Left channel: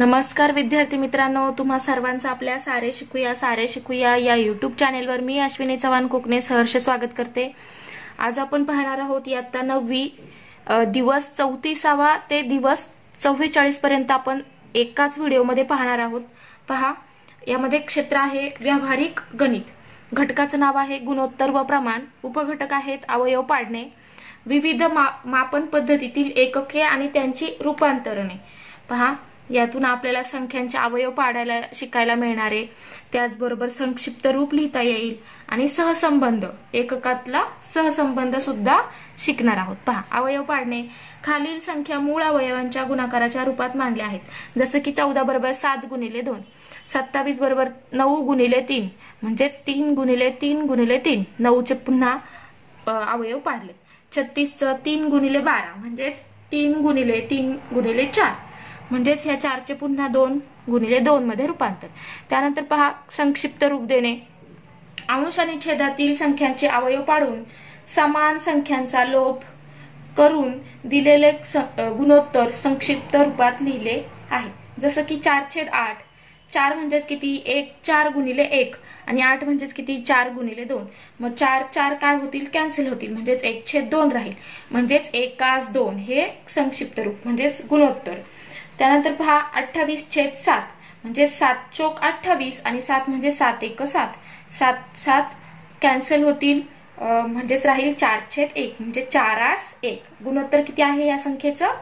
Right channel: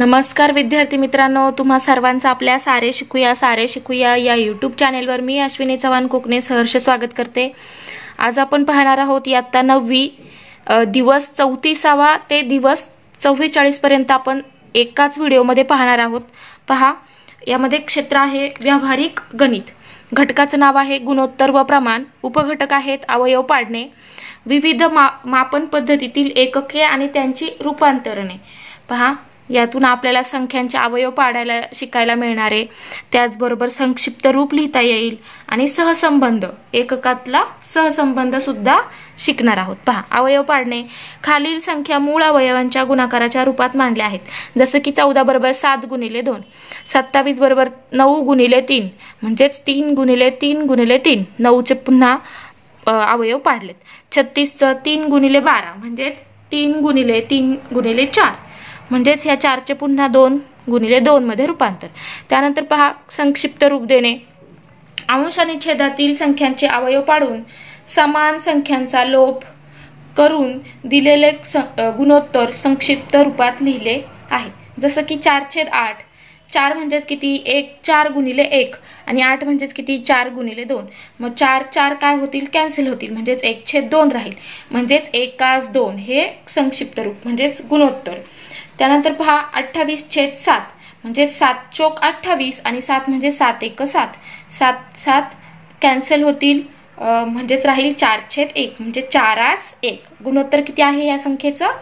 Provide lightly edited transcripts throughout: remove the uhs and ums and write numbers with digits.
नमस्कार विद्यार्थी मित्रांनो, तुम्हा सर्वांचं आपल्या सारे शिकूया या यूट्यूब चॅनेलवर मी अश्विनी चव्हाण कोकणे सहर्ष स्वागत करते। आज आपण पाहणार आहोत इयत्ता 9वी दिवस 34वा ते दिवस 44 पर्यंत आपण एकाच व्हिडिओमध्ये पाहणार आहोत। पहा, यामध्ये क्षेत्र आहे व्यावहारिक गणित, घटकाचं नाव आहे गुणोत्तर व प्रमाण, उपघटक आहेत अवयव पाडणे, विविध मापन पद्धतीतील एकके आणि त्यांची रूपांतरणे। पहा, यातून आपल्याला संख्यांचे अवयव पाडायला शिकायला मिळणार आहे, त्याचबरोबर संक्षिप्त रूप लिहिता येईल आणि सहसंबंध, एककातला सहसंबंध सुद्धा शिकणार आहोत। पहा, अवयव पाडणे, खालील संख्या मूळ अवयवांच्या गुणाकाराच्या रूपात मांडल्या आहेत, जसे की 14 बरोबर 7 गुणिले 2, 27 बरोबर 9 गुणिले 3 म्हणजेच 3 गुणिले 3 गुणिले 3, 9चे पुन्हा अवयव पाडलेत। 36 चं 3 गुणिले 12 म्हणजेच 3 गुणिले 3 गुणिले 4 म्हणजेच ह्या 4चे पुन्हा 2 गुणिले 2 मध्ये रूपांतर। त्यानंतर पहा, संक्षिप्त रूप देणे, अंश आणि छेदातील संख्यांचे अवयव पाडून समान संख्यांचा लोप करून दिलेले गुणोत्तर संक्षिप्त रूपात लिहिले आहे, जसं की 4/8, 4 म्हणजेच किती 4 गुणिले 1 आणि 8 म्हणजेच किती 4 गुणिले 2, मग 4 काय होतील, कॅन्सल होतील, म्हणजेच 1/2 राहील, म्हणजेच 1/2 हे संक्षिप्त रूप म्हणजेच गुणोत्तर। त्यानंतर पहा, 28/7 म्हणजे 7 चोक 28 आणि 7 म्हणजे 7 एक 7, 7 कॅन्सल होतील, म्हणजेच राहील 4/1 म्हणजे 4/1। गुणोत्तर किती आहे या संख्येचं,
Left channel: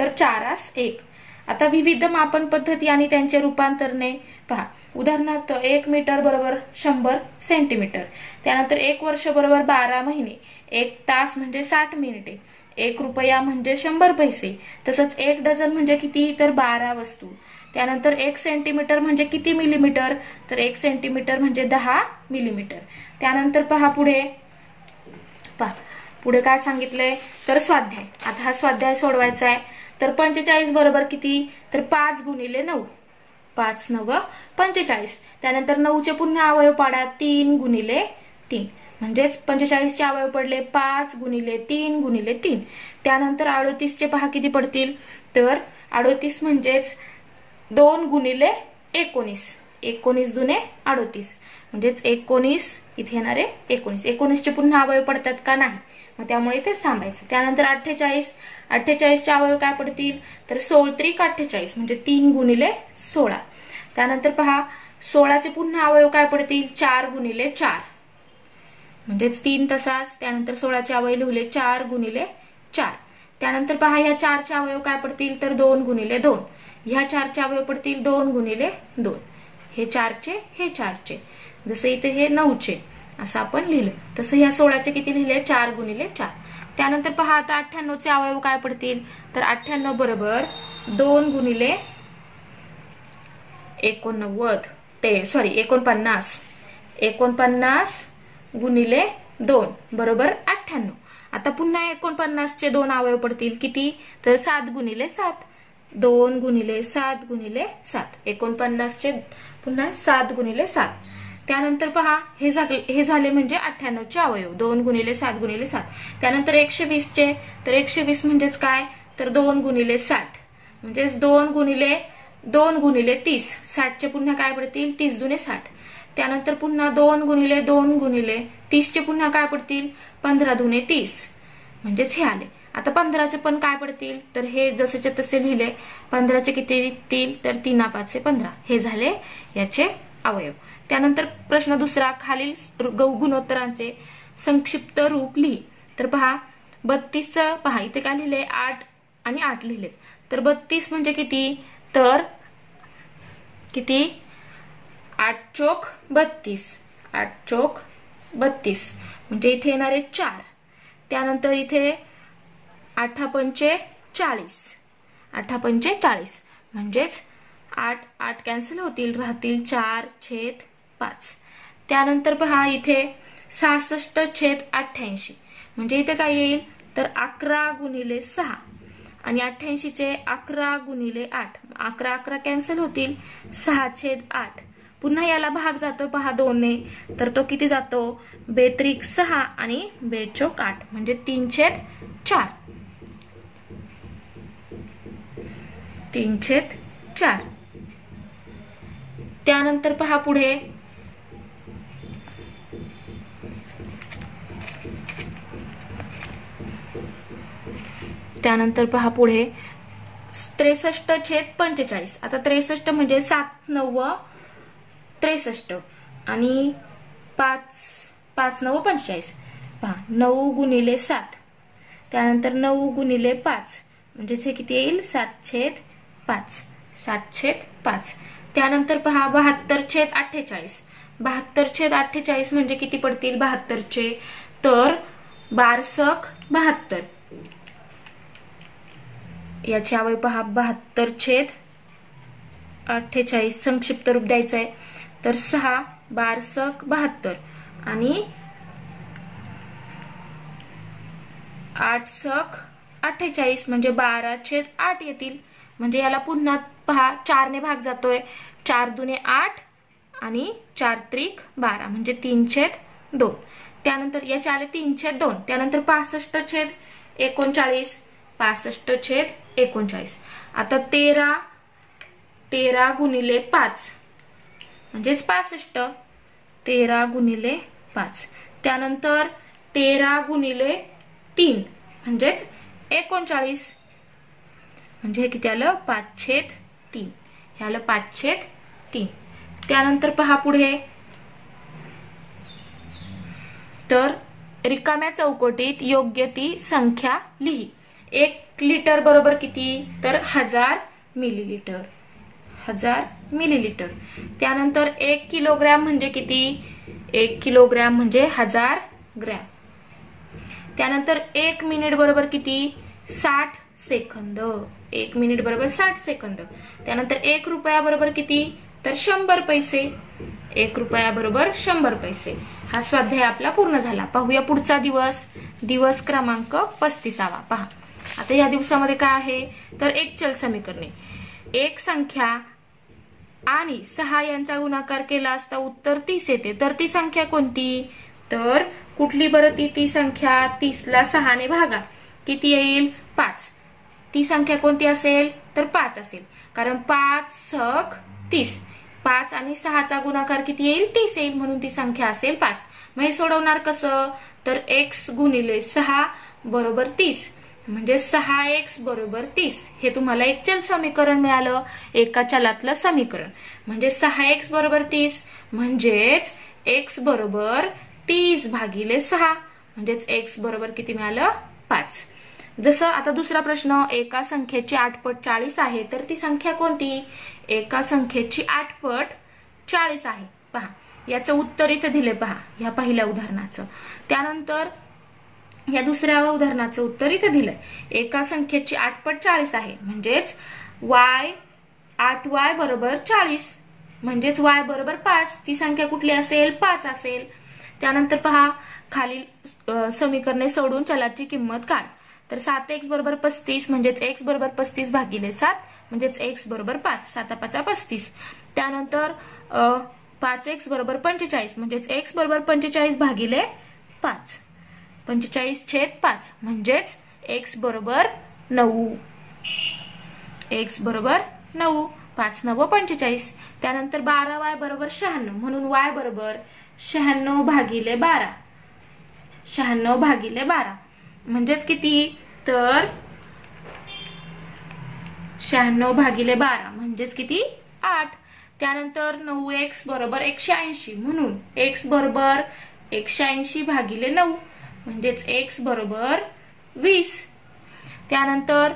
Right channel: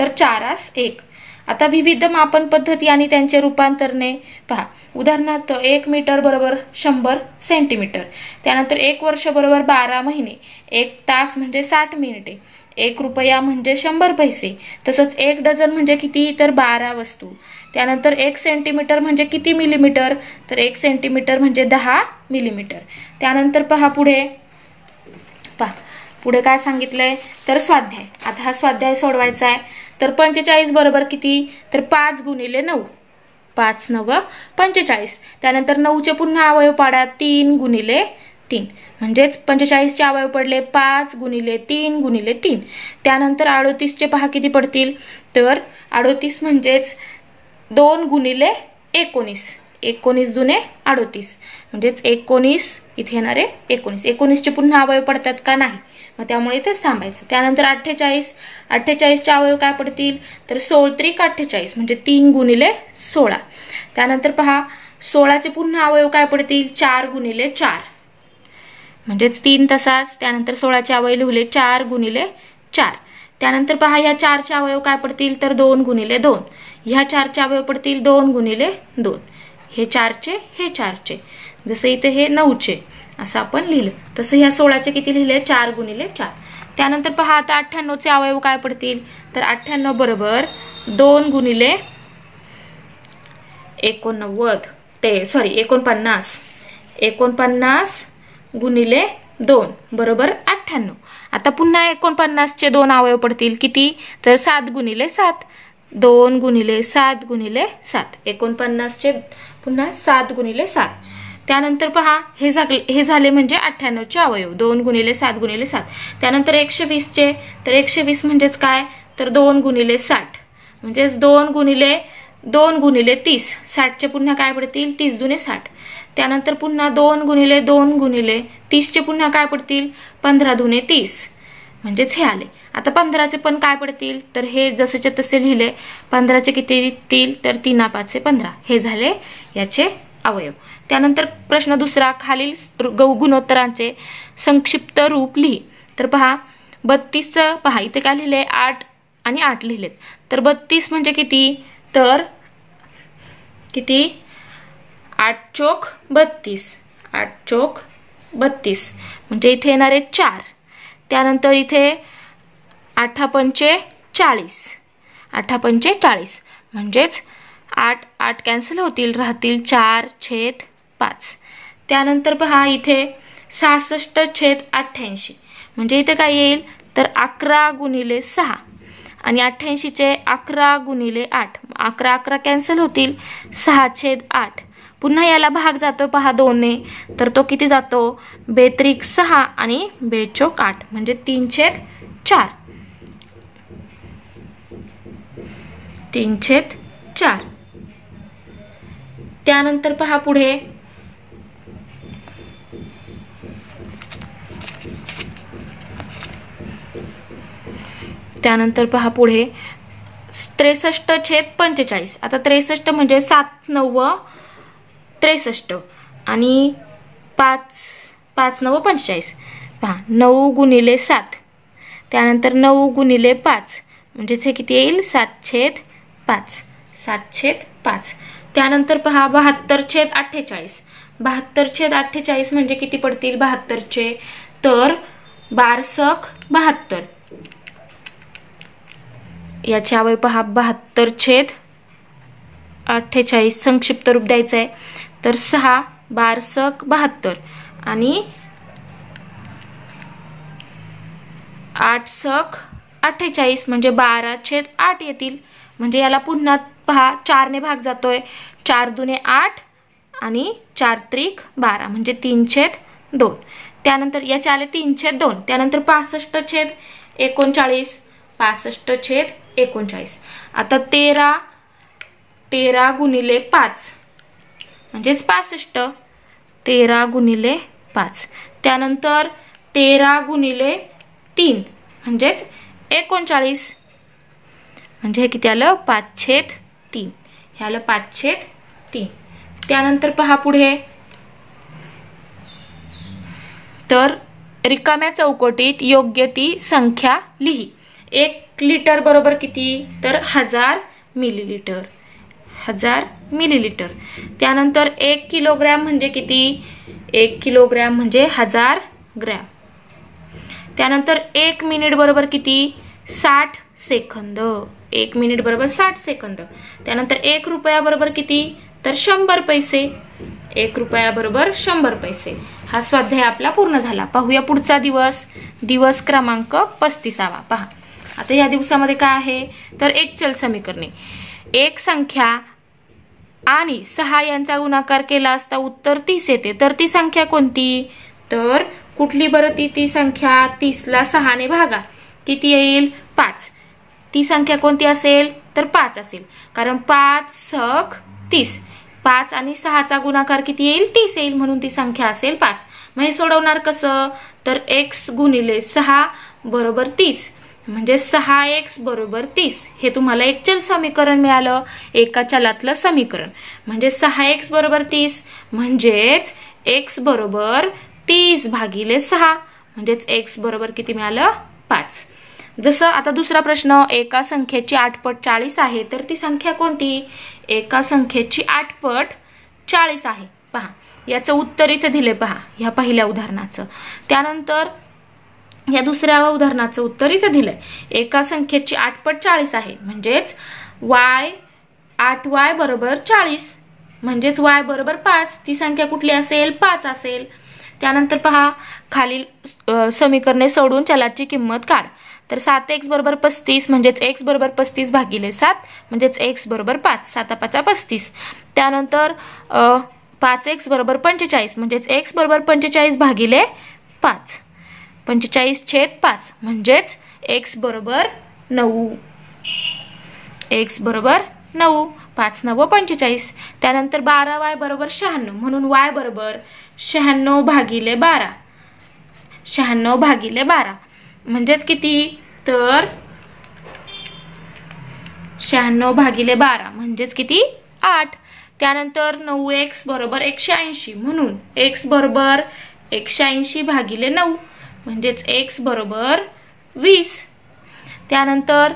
तर 4/1। आता विविध मापन पद्धती आणि त्यांचे रूपांतरणे पहा, उदाहरणार्थ 1 मीटर बरोबर 100 सेंटीमीटर, त्यानंतर 1 वर्ष बरोबर 12 महिने, 1 तास म्हणजे 60 मिनिटे, 1 रुपया म्हणजे 100 पैसे, तसंच 1 डझन म्हणजे किती, तर 12 वस्तू। त्यानंतर 1 सेंटीमीटर म्हणजे किती मिलीमीटर, तर 1 सेंटीमीटर म्हणजे 10 मिलीमीटर। त्यानंतर पहा पुढे काय सांगितलंय, तर स्वाध्याय। आता हा स्वाध्याय सोडवायचा आहे, तर 45 बरोबर किती, तर 5 गुणिले 9, 5 9 45। त्यानंतर 9चे पुन्हा अवयव पाडा, 3 गुणिले 3 म्हणजेच 45 चे अवयव पडले 5 गुणिले 3 गुणिले 3। त्यानंतर 38 चे पहा किती पडतील, तर 38 म्हणजेच 2 गुणिले 19, 19 दुने 38 म्हणजेच 19 इथे येणार आहे 19। 19 चे पुन्हा अवयव पडतात का, नाही, मग त्यामुळे इथेच थांबायचं। त्यानंतर 48 चे अवयव काय पडतील, तर 16×3 म्हणजे 3 गुणिले 16। त्यानंतर पहा, 16 चे पुन्हा अवयव काय पडतील, 4 गुणिले 4 म्हणजेच 3 तसाच। त्यानंतर 16 चे अवयव लिहिले 4 गुणिले 4। त्यानंतर पहा, या 4 चे अवयव काय पडतील, तर 2 गुणिले 2, ह्या 4 चे अवयव पडतील 2 गुणिले 2, हे 4 चे हे 4 चे, जसं इथे हे 9 चे असं आपण लिहिलं, तसं ह्या 16 चे किती लिहिले, 4 गुणिले 4। त्यानंतर पहा, आता 98 चे अवयव काय पडतील, तर 98 बरोबर 2 गुणिले 49 गुणिले 2 बरोबर 98। आता पुन्हा 49 चे 2 अवयव पडतील किती, तर 7 गुणिले 7, 2 गुणिले 7 गुणिले 7, 49 चे पुन्हा 7 गुणिले 7। त्यानंतर पहा, हे झाले म्हणजे 98 चे अवयव, 2 गुणिले 7 गुणिले 7। त्यानंतर 120 चे, तर 120 म्हणजेच काय, तर 2 गुणिले 60 म्हणजेच 2 गुणिले 30, 60 चे पुन्हा काय पडतील, 30 दुने 60। त्यानंतर पुन्हा 2 गुणिले 2 गुणिले 30 चे पुन्हा काय पडतील, 15 दुने 30 म्हणजेच हे आले। आता 15 चे पण काय पडतील, तर हे जसेच्या तसे लिहिले, 15 चे किती येतील, तर 3×5 = 15, हे झाले याचे अवयव। त्यानंतर प्रश्न दुसरा, खालील गुणोत्तरांचे संक्षिप्त रूप लिही। तर पहा, 32 पहा इथे काय लिहिले, 8 आणि 8 लिहिलेत, तर 32 म्हणजे किती, तर किती 8 चोक 32, 8 चोक 32 म्हणजे इथे येणार आहे 4। त्यानंतर इथे 8×5 = 40, 8×5 म्हणजेच 8 कॅन्सल होतील, राहतील 4/5। त्यानंतर पहा, इथे 66/88 म्हणजे इथे काय येईल, तर 11 गुणिले 6 आणि 88 चे 11 गुणिले 8, 11 कॅन्सल होतील, 6/8। पुन्हा याला भाग जातो पहा 2 ने, तर तो किती जातो, 2×6 आणि 2×8 म्हणजे 3/4, 3/4। त्यानंतर पहा पुढे त्यानंतर पहा पुढे 63/45. आता 63 म्हणजे 7 9 63 आणि 5 9 45. पहा 9 गुणिले 7, त्यानंतर 9 गुणिले 5 म्हणजेच हे किती येईल 7/5. 7/5. त्यानंतर पहा 72/48. 72/48 म्हणजे किती पडतील 72चे, तर 12/72. याची आवय पहा 72/48 संक्षिप्त रूप द्यायचं आहे, तर 6 12/72 आणि 8/48 म्हणजे 12/8 येतील. म्हणजे याला पुन्हा पहा 4 ने भाग जातोय, 4 दुने 8 आणि 4 त्रिक 12 म्हणजे 3/2. त्यानंतर याचे आले 3/2. त्यानंतर 65/39. 65/39. आता 13 गुणिले 5 म्हणजेच 65. 13 गुणिले 5. त्यानंतर 13 गुणिले 3 म्हणजेच 39. म्हणजे हे किती आलं 5/3. हे आलं 5/3. त्यानंतर पहा पुढे, तर रिकाम्या चौकटीत योग्य ती संख्या लिही. 1 लिटर बरोबर किती, तर 1000 मिलीलिटर. 1000 मिलीलिटर. त्यानंतर 1 किलोग्रॅम म्हणजे किती, 1 किलोग्रॅम म्हणजे 1000 ग्रॅम. त्यानंतर 1 मिनिट बरोबर किती, 60 सेकंद. 1 मिनिट बरोबर 60 सेकंद. त्यानंतर 1 रुपया बरोबर किती, तर 100 पैसे. 1 रुपया बरोबर 100 पैसे. हा स्वाध्याय आपला पूर्ण झाला. पाहूया पुढचा दिवस, दिवस क्रमांक 35. पहा आता या दिवसामध्ये काय आहे, तर एक चल समीकरणे. एक संख्या आणि 6 यांचा गुणाकार केला असता उत्तर 30 येते. तर ती संख्या कोणती, तर कुठली बरं ती संख्या, 30 ला 6 ने भागा किती येईल 5. ती संख्या कोणती असेल, तर 5 असेल, कारण 5 6 30. 5 आणि 6चा गुणाकार किती येईल 30 येईल, म्हणून ती संख्या असेल 5. मग हे सोडवणार कसं, तर x गुणिले 6 बरोबर 30 म्हणजे 6x बरोबर 30. हे तुम्हाला एक चल समीकरण मिळालं, एका चलातलं समीकरण. म्हणजे 6x बरोबर 30 म्हणजेच x बरोबर 30/6 म्हणजेच x बरोबर किती मिळालं 5. जसं आता दुसरा प्रश्न, एका संख्येची 8 पट 40 आहे, तर ती संख्या कोणती, एका संख्येची 8 पट 40 आहे. पहा याचं उत्तर इथे दिले पहा ह्या पहिल्या उदाहरणाचं. त्यानंतर या दुसऱ्या उदाहरणाचं उत्तर इथे दिलंय. एका संख्येची 8 पट 40 आहे म्हणजेच y 8y बरोबर 40 म्हणजेच y बरोबर 5. ती संख्या कुठली असेल, 5 असेल. त्यानंतर पहा खालील समीकरणे सोडून चलाची किंमत काढ. तर 7x बरोबर 35 म्हणजेच x बरोबर 35/7 म्हणजेच x बरोबर 5. 7 5 35. त्यानंतर 5x बरोबर 45 म्हणजेच x बरोबर 45/5. 45/5 म्हणजेच x बरोबर 9. x बरोबर 9. 5 9 45. त्यानंतर 12y बरोबर 96 म्हणून y बरोबर 96/12. 96/12 म्हणजेच किती, तर 96/12 म्हणजेच किती 8. त्यानंतर 9x बरोबर 180 म्हणून x बरोबर 180/9 म्हणजेच x बरोबर 20. त्यानंतर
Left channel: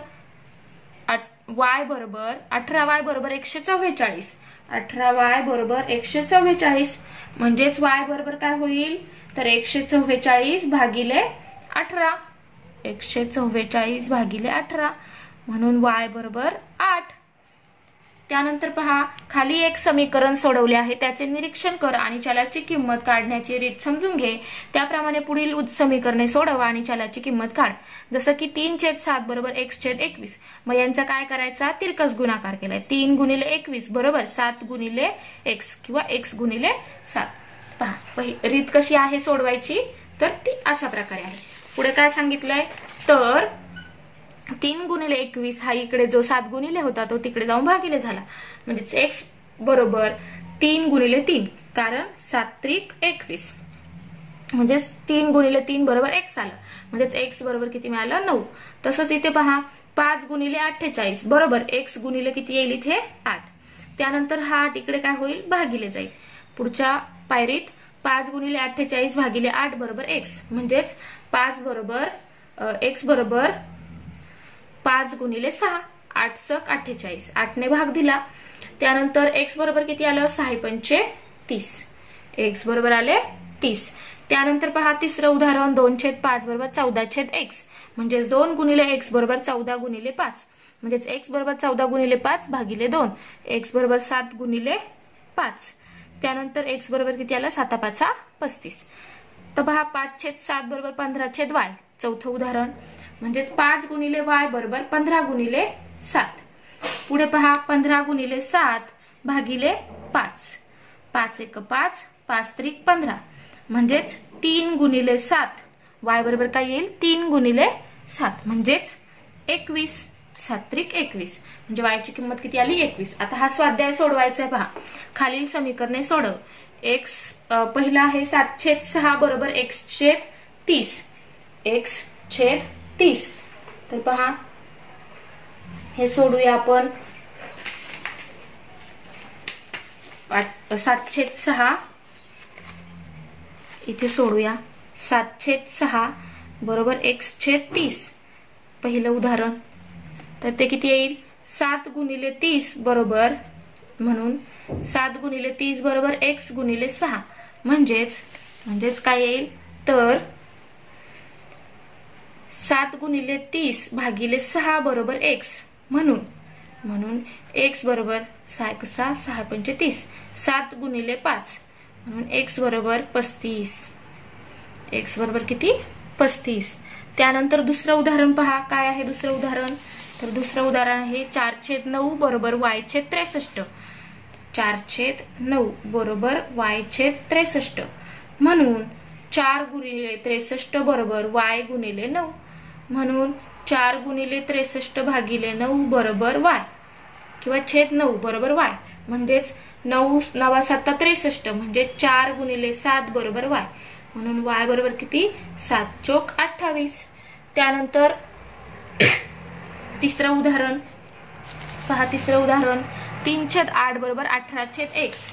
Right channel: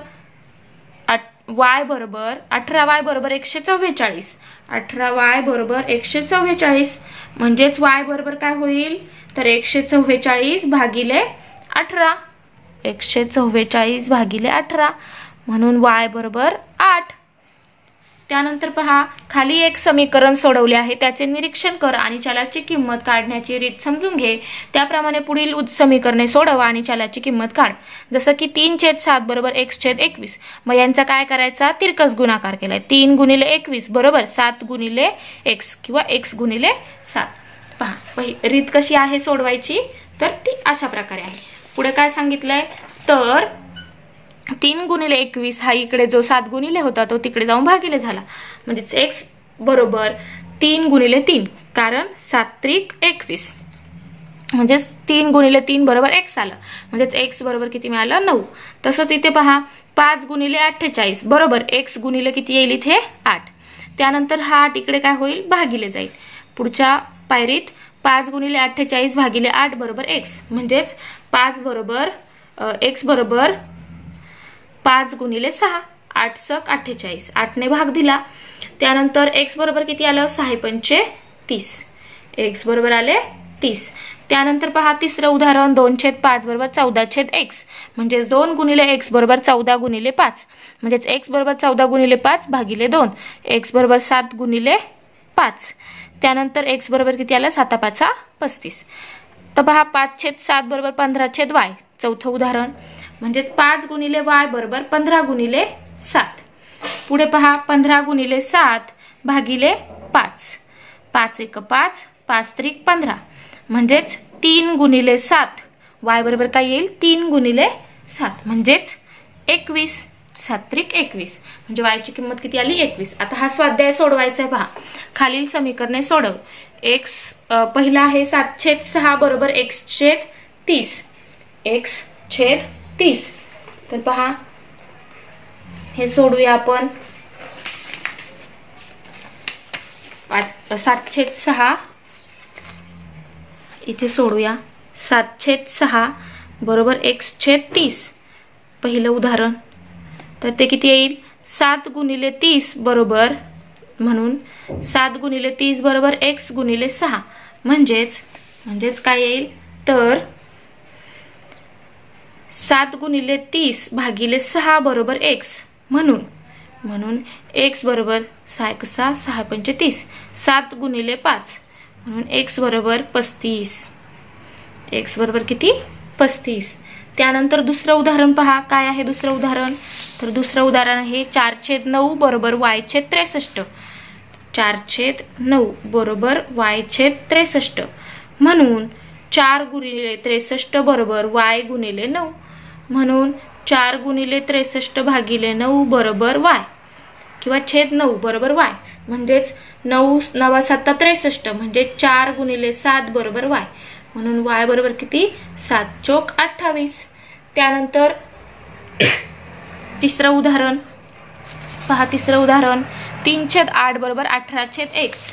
y बरोबर 18y बरोबर 144. 18y बरोबर 144 म्हणजेच y बरोबर काय होईल, तर 144/18. 144/18 म्हणून y बरोबर 8. त्यानंतर पहा खाली एक समीकरण सोडवले आहे, त्याचे निरीक्षण कर आणि चलाची किंमत काढण्याची रीत समजून घे. त्याप्रमाणे पुढील समीकरणे सोडवा आणि चलाची किंमत काढ. जसं की 3/7 बरोबर x/21. मग यांचा काय करायचा, तिरकस गुणाकार केलाय. 3 गुणिले 21 बरोबर 7 गुणिले x किंवा x गुणिले 7. पहा रीत कशी आहे सोडवायची, तर ती अशा प्रकारे आहे. पुढे काय सांगितलंय, तर 3 गुणिले 21 हा इकडे जो 7 गुणिले होता तो तिकडे जाऊन भागिले झाला. म्हणजेच x बरोबर 3 गुणिले 3, कारण 7 त्रिक 21, म्हणजेच 3 गुणिले 3 बरोबर x आलं, म्हणजेच x बरोबर किती मिळालं 9. तसंच इथे पहा 5 गुणिले 48 बरोबर x गुणिले किती येईल इथे 8. त्यानंतर हा 8 इकडे काय होईल भागिले जाईल. पुढच्या पायरीत 5 गुणिले 48 भागिले 8 बरोबर x, म्हणजेच 5 बरोबर x बरोबर 5 गुणिले 6, 8 सक 48, 8 ने भाग दिला. त्यानंतर x बरोबर किती आलं 6 पंचे 30, x बरोबर आले 30. त्यानंतर पहा तिसरं उदाहरण 2/5 बरोबर 14/x, म्हणजेच 2 गुणिले x बरोबर 14 गुणिले 5, म्हणजेच x बरोबर 14 गुणिले 5 भागिले 2, x बरोबर 7 गुणिले 5. त्यानंतर x बरोबर किती आलं 7×5 35. तर पहा 5/7 बरोबर 15/y, चौथं उदाहरण, म्हणजेच 5 गुणिले y बरोबर 15 गुणिले 7. पुढे पहा 15 गुणिले 7 भागिले 5, 5×1 5, 5 त्रिक 15, म्हणजेच 3 गुणिले 7, y बरोबर काय येईल 3 गुणिले 7, म्हणजेच 21, 7 त्रिक 21, म्हणजे y ची किंमत किती आली 21. आता हा स्वाध्याय सोडवायचा आहे. पहा खालील समीकरणे सोडव. x पहिला आहे 7/6 बरोबर x/30, x/30. तर पहा हे सोडूया आपण. 7/6 इथे सोडूया. 7/6 बरोबर x/30, पहिलं उदाहरण. तर ते किती येईल 7 गुणिले 30 बरोबर, म्हणून 7 गुणिले 30 बरोबर x गुणिले 6, म्हणजेच काय येईल तर 7 गुणिले 30 भागिले 6 बरोबर x, म्हणून x बरोबर 6×6 6 पंचे 30, 7 गुणिले 5, म्हणून x बरोबर 35, x बरोबर किती 35. त्यानंतर दुसरं उदाहरण पहा काय आहे दुसरं उदाहरण. तर दुसरं उदाहरण आहे 4/9 बरोबर y/63, 4/9 बरोबर y/63, म्हणून 4 गुणिले 63 बरोबर y गुणिले 9, म्हणून 4 गुणिले 63 भागिले 9 बरोबर y, किंवा /9 बरोबर y, म्हणजेच 9 9 7 63, म्हणजे 4 गुणिले 7 बरोबर y, म्हणून y बरोबर किती 7×4 = 28. त्यानंतर तिसरं उदाहरण पहा. तिसरं उदाहरण 3/8 बरोबर 18/x,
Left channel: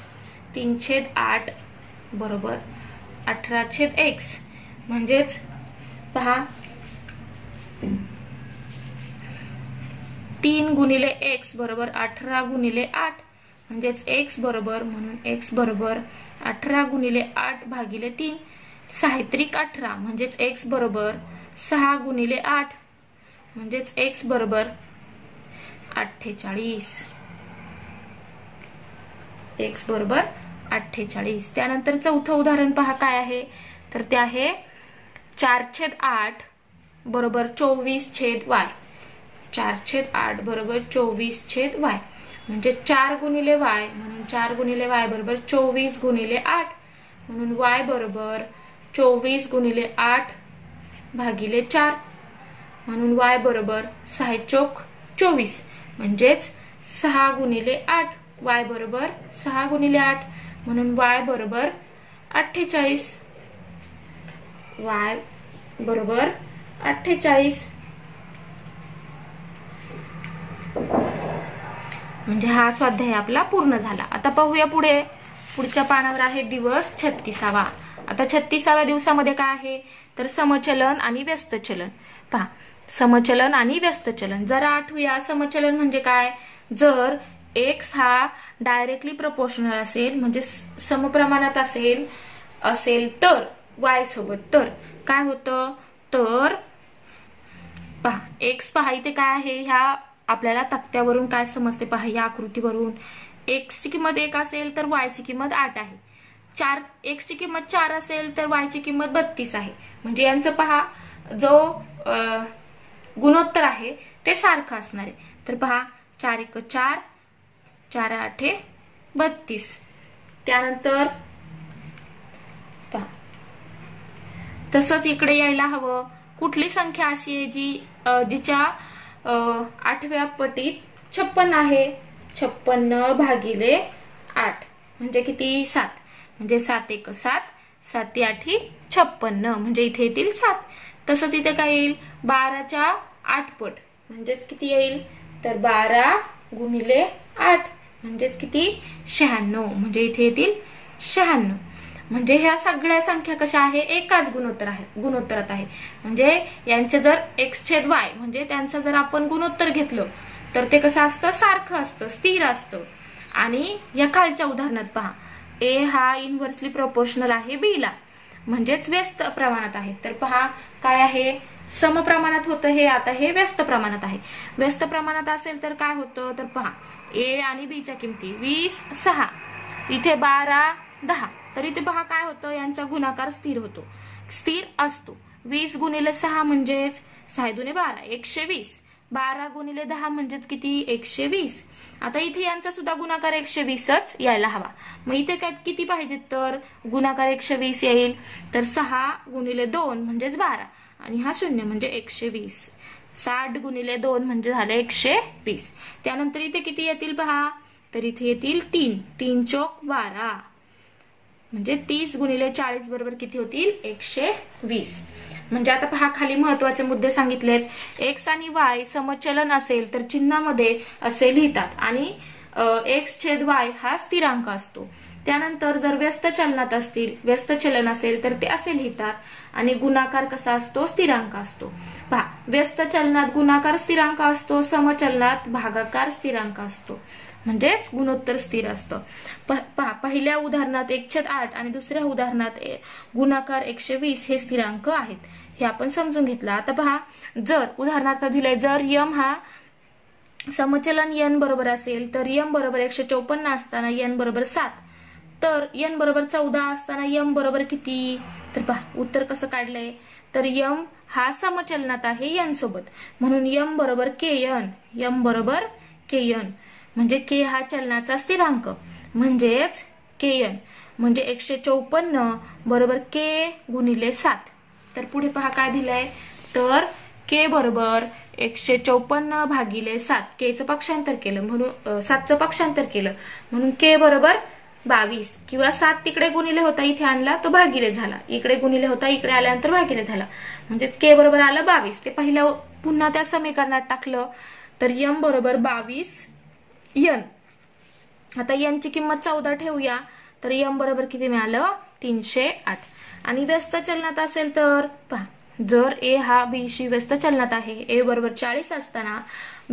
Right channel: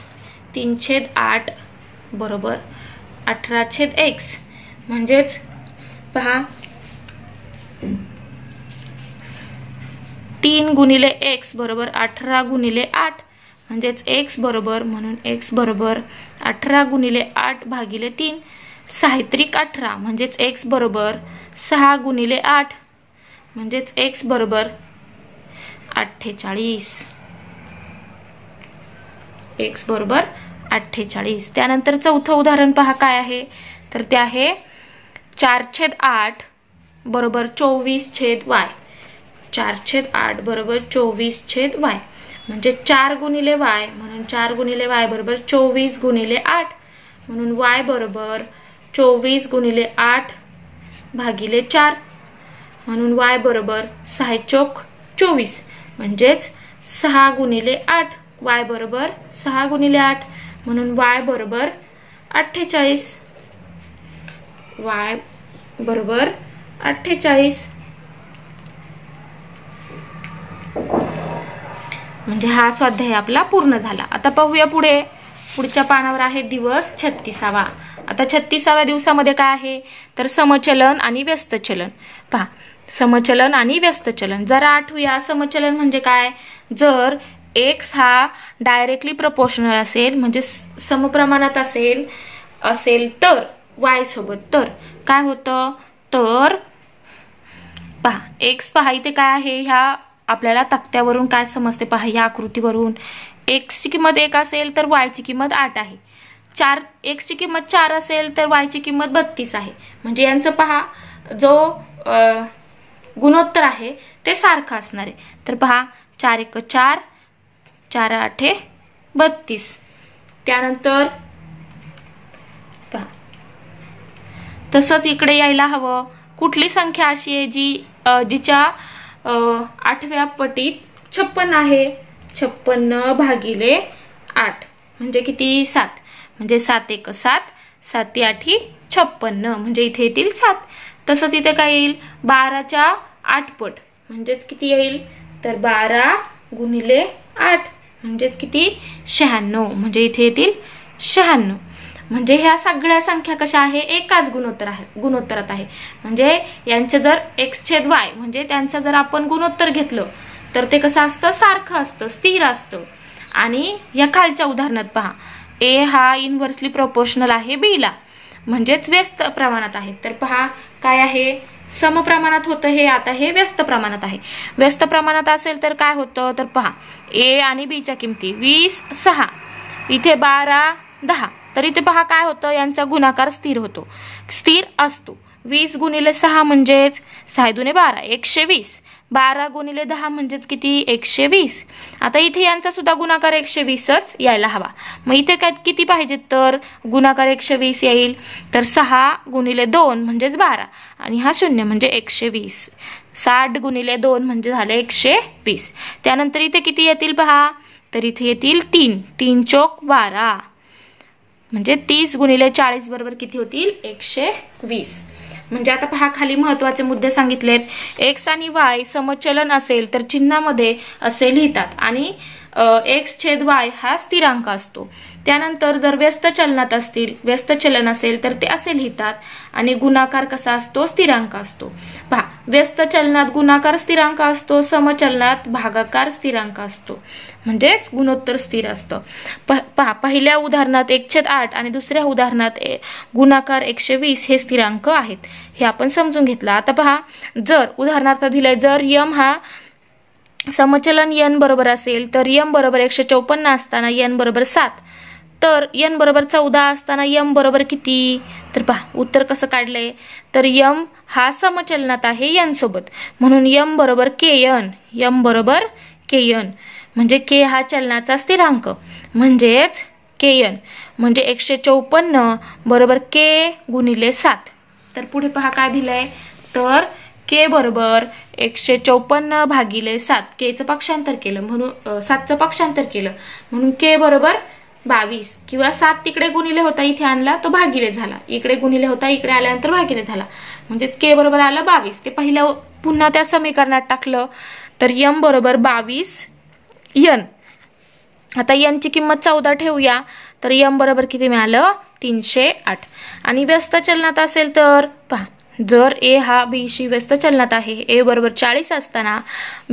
3/8 बरोबर 18/x, म्हणजेच पहा 3 गुणिले x बरोबर 18 गुणिले 8, म्हणजेच x बरोबर, म्हणून x बरोबर 18 गुणिले 8 भागिले 3, 6 त्रिक 18, म्हणजेच x बरोबर 6 गुणिले 8, म्हणजेच x बरोबर 48, x बरोबर 48. त्यानंतर चौथं उदाहरण पहा काय आहे. तर ते आहे 4/8 बरोबर 24/y, 4/8 बरोबर 24/y, म्हणजे 4 गुणिले y, म्हणून 4 गुणिले y बरोबर 24 गुणिले 8, म्हणून y बरोबर 24 गुणिले 8 भागिले 4, म्हणून y बरोबर 6×4 = 24, म्हणजेच 6 गुणिले 8, y बरोबर 6 गुणिले 8, म्हणून y बरोबर 48, y बरोबर 48. म्हणजे हा स्वाध्याय आपला पूर्ण झाला. आता पाहूया पुढे. पुढच्या पानावर आहे दिवस 36. आता 36व्या दिवसामध्ये काय आहे तर समचलन आणि व्यस्त चलन. पहा समचलन आणि व्यस्त चलन जरा आठवूया. समचलन म्हणजे काय, जर x हा डायरेक्टली प्रपोर्शनल असेल, म्हणजे समप्रमाणात असेल तर y सोबत, तर काय होतं तर पहा x पहा इथे काय आहे, ह्या आपल्याला तक्त्यावरून काय समजते पहा, या आकृतीवरून x ची किंमत 1 असेल तर y ची किंमत 8 आहे. x ची किंमत 4 असेल तर y ची किंमत 32 आहे. म्हणजे यांचं पहा जो गुणोत्तर आहे ते सारखं असणार आहे. तर पहा 4×1 4, 4×8 32. त्यानंतर पहा तसंच इकडे यायला हवं. कुठली संख्या अशी आहे जिच्या 8व्या पटीत 56 आहे, 56 भागिले 8, म्हणजे किती 7, म्हणजे 7 एक 7, 7 8 56, म्हणजे इथे येतील 7. तसंच इथे काय येईल 12च्या 8 पट म्हणजेच किती येईल तर 12 गुणिले 8 म्हणजेच किती 96, म्हणजे इथे येतील 96. म्हणजे ह्या सगळ्या संख्या कशा आहे एकाच गुणोत्तरात आहे. म्हणजे यांचे जर x/y म्हणजे त्यांचं जर आपण गुणोत्तर घेतलं तर ते कसं असतं सारखं असतं, स्थिर असतं. आणि या खालच्या उदाहरणात पहा a हा इनव्हर्सली प्रोपोर्शनल आहे b ला, म्हणजेच व्यस्त प्रमाणात आहे. तर पहा काय आहे समप्रमाणात होतं हे, आता हे व्यस्त प्रमाणात आहे. व्यस्त प्रमाणात असेल तर काय होतं तर पहा a आणि b च्या किमती 20 6, इथे 12 10. तर इथे पहा काय होतं यांचा गुणाकार स्थिर होतो, स्थिर असतो. 20 गुणिले 6 म्हणजेच 6 दुने 12 120, 12 गुणिले 10 म्हणजेच किती 120. आता इथे यांचा सुद्धा गुणाकार 120च यायला हवा. मग इथे काय किती पाहिजे तर गुणाकार 120 येईल तर 6 गुणिले 2 म्हणजेच 12 आणि हा 0 म्हणजे 120. 60 गुणिले 2 म्हणजे झाले 120. त्यानंतर इथे किती येतील पहा तर इथे येतील 3, 3 चौक 12 म्हणजे 30 गुणिले 40 बरोबर किती होतील 120. म्हणजे आता पहा खाली महत्वाचे मुद्दे सांगितलेत. x आणि y समचलन असेल तर चिन्हामध्ये असे लिहितात आणि x/y हा स्थिरांक असतो. त्यानंतर जर व्यस्त चलन असेल तर ते असे लिहितात आणि गुणाकार कसा असतो स्थिरांक असतो. पहा व्यस्त चलनात गुणाकार स्थिरांक असतो, समचलनात भागाकार स्थिरांक असतो, म्हणजेच गुणोत्तर स्थिर असतं. पहा पहिल्या उदाहरणात 1/8 आणि दुसऱ्या उदाहरणात गुणाकार 120 हे स्थिरांक आहेत, हे आपण समजून घेतलं. आता पहा जर उदाहरणार्थ दिलंय जर m हा समचलन n बरोबर असेल तर m बरोबर 154 असताना n बरोबर 7, तर n बरोबर 14 असताना m बरोबर किती तर पहा उत्तर कसं काढलंय तर m हा समचलनात आहे n सोबत, म्हणून m बरोबर kn, m बरोबर kn म्हणजे k हा चलनाचा स्थिरांक म्हणजेच kn म्हणजे 154 बरोबर k गुणिले 7. तर पुढे पहा काय दिलंय तर k बरोबर 154 भागिले 7, k चं पक्षांतर केलं म्हणून 7 चं पक्षांतर केलं म्हणून k बरोबर 22 किंवा 7 तिकडे गुणिले होता इथे आणला तो भागिले झाला, इकडे गुणिले होता इकडे आल्यानंतर भागिले झाला म्हणजे k बरोबर आला 22. ते पहिल्या पुन्हा त्या समीकरणात टाकलं तर m बरोबर 22 n. आता n ची किंमत 14 ठेवूया तर m बरोबर किती मिळालं 308. आणि व्यस्त चलनात असेल तर पहा जर a हा b शी व्यस्त चलनात आहे, a बरोबर 40 असताना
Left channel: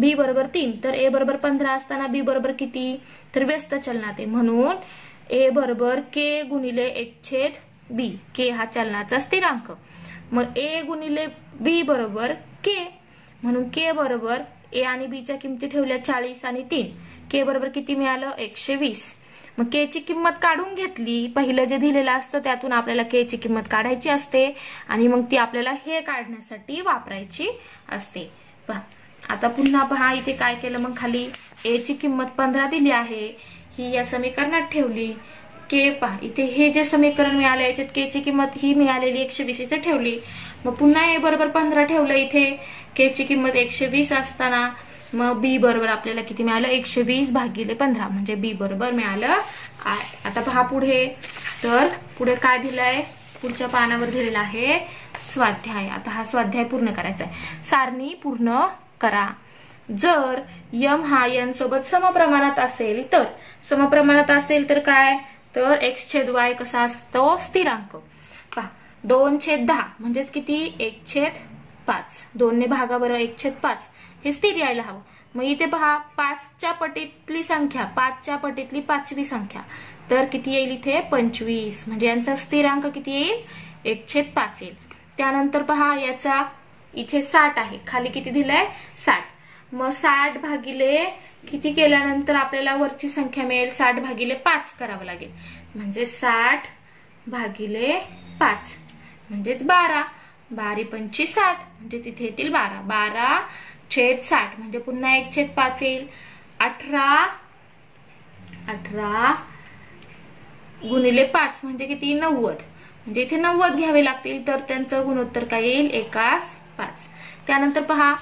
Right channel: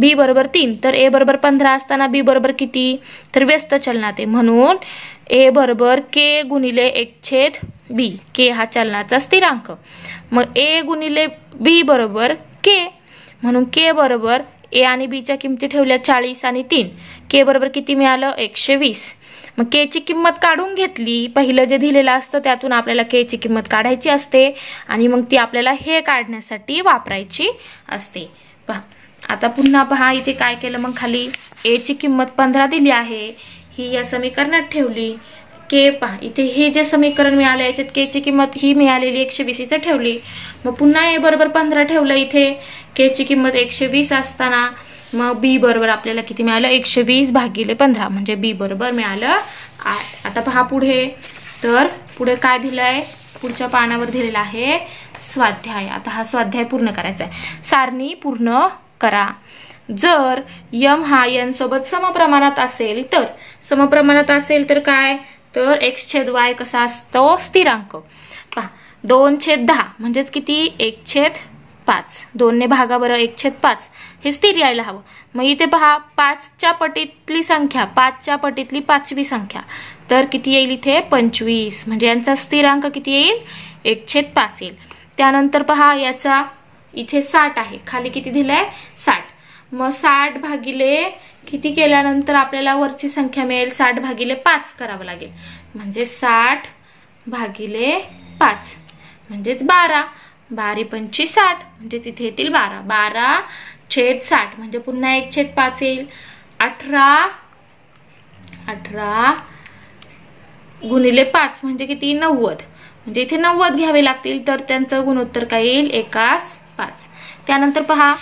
b बरोबर 3 तर a बरोबर 15 असताना b बरोबर किती तर व्यस्त चलनात आहे, म्हणून a बरोबर k गुणिले 1/b, k हा चलनाचा स्थिरांक. मग a गुणिले b बरोबर k, म्हणून k बरोबर a आणि b च्या किमती ठेवल्या 40 आणि 3, k बरोबर किती मिळालं 120. मग k ची किंमत काढून घेतली, पहिलं जे दिलेलं असतं त्यातून आपल्याला k ची किंमत काढायची असते आणि मग ती आपल्याला हे काढण्यासाठी वापरायची असते. पहा आता पुन्हा पहा इथे काय केलं मग खाली a ची किंमत 15 दिली आहे, ही या समीकरणात ठेवली. k पहा इथे हे जे समीकरण मिळालं याच्यात k ची किंमत ही मिळालेली 120 इथे ठेवली. मग पुन्हा a बरोबर 15 ठेवलं, इथे k ची किंमत 120 असताना मग b बरोबर आपल्याला किती मिळालं 120 भागिले 15 म्हणजे b बरोबर मिळालं 8. आता पहा पुढे तर पुढे काय दिलंय पुढच्या पानावर दिलेला आहे स्वाध्याय. आता हा स्वाध्याय पूर्ण करायचा आहे. सारणी पूर्ण करा. जर m हा n सोबत समप्रमाणात असेल तर काय तर x/y कसा असतो स्थिरांक. पहा 2/10 म्हणजेच किती 1/5, 2 ने भागा बरं 1/5 हे स्थिर यायला हवं. मग इथे पहा 5 च्या पटीतली संख्या 5 च्या पटीतली 5वी संख्या तर किती येईल इथे 25, म्हणजे यांचा स्थिरांक किती येईल 1/5 येईल. त्यानंतर पहा याचा इथे 60 आहे, खाली किती दिलाय 60. मग 60 भागिले किती केल्यानंतर आपल्याला वरची संख्या मिळेल 60 भागिले 5 करावं लागेल, म्हणजे 60 भागिले 5 म्हणजेच 12, 12 पंची 60 म्हणजे तिथे येतील 12, 12/60 म्हणजे पुन्हा 1/5 येईल. 18 गुणिले 5 म्हणजे किती 90, म्हणजे इथे 90 घ्यावे लागतील तर त्यांचं गुणोत्तर काय येईल 1/5. त्यानंतर पहा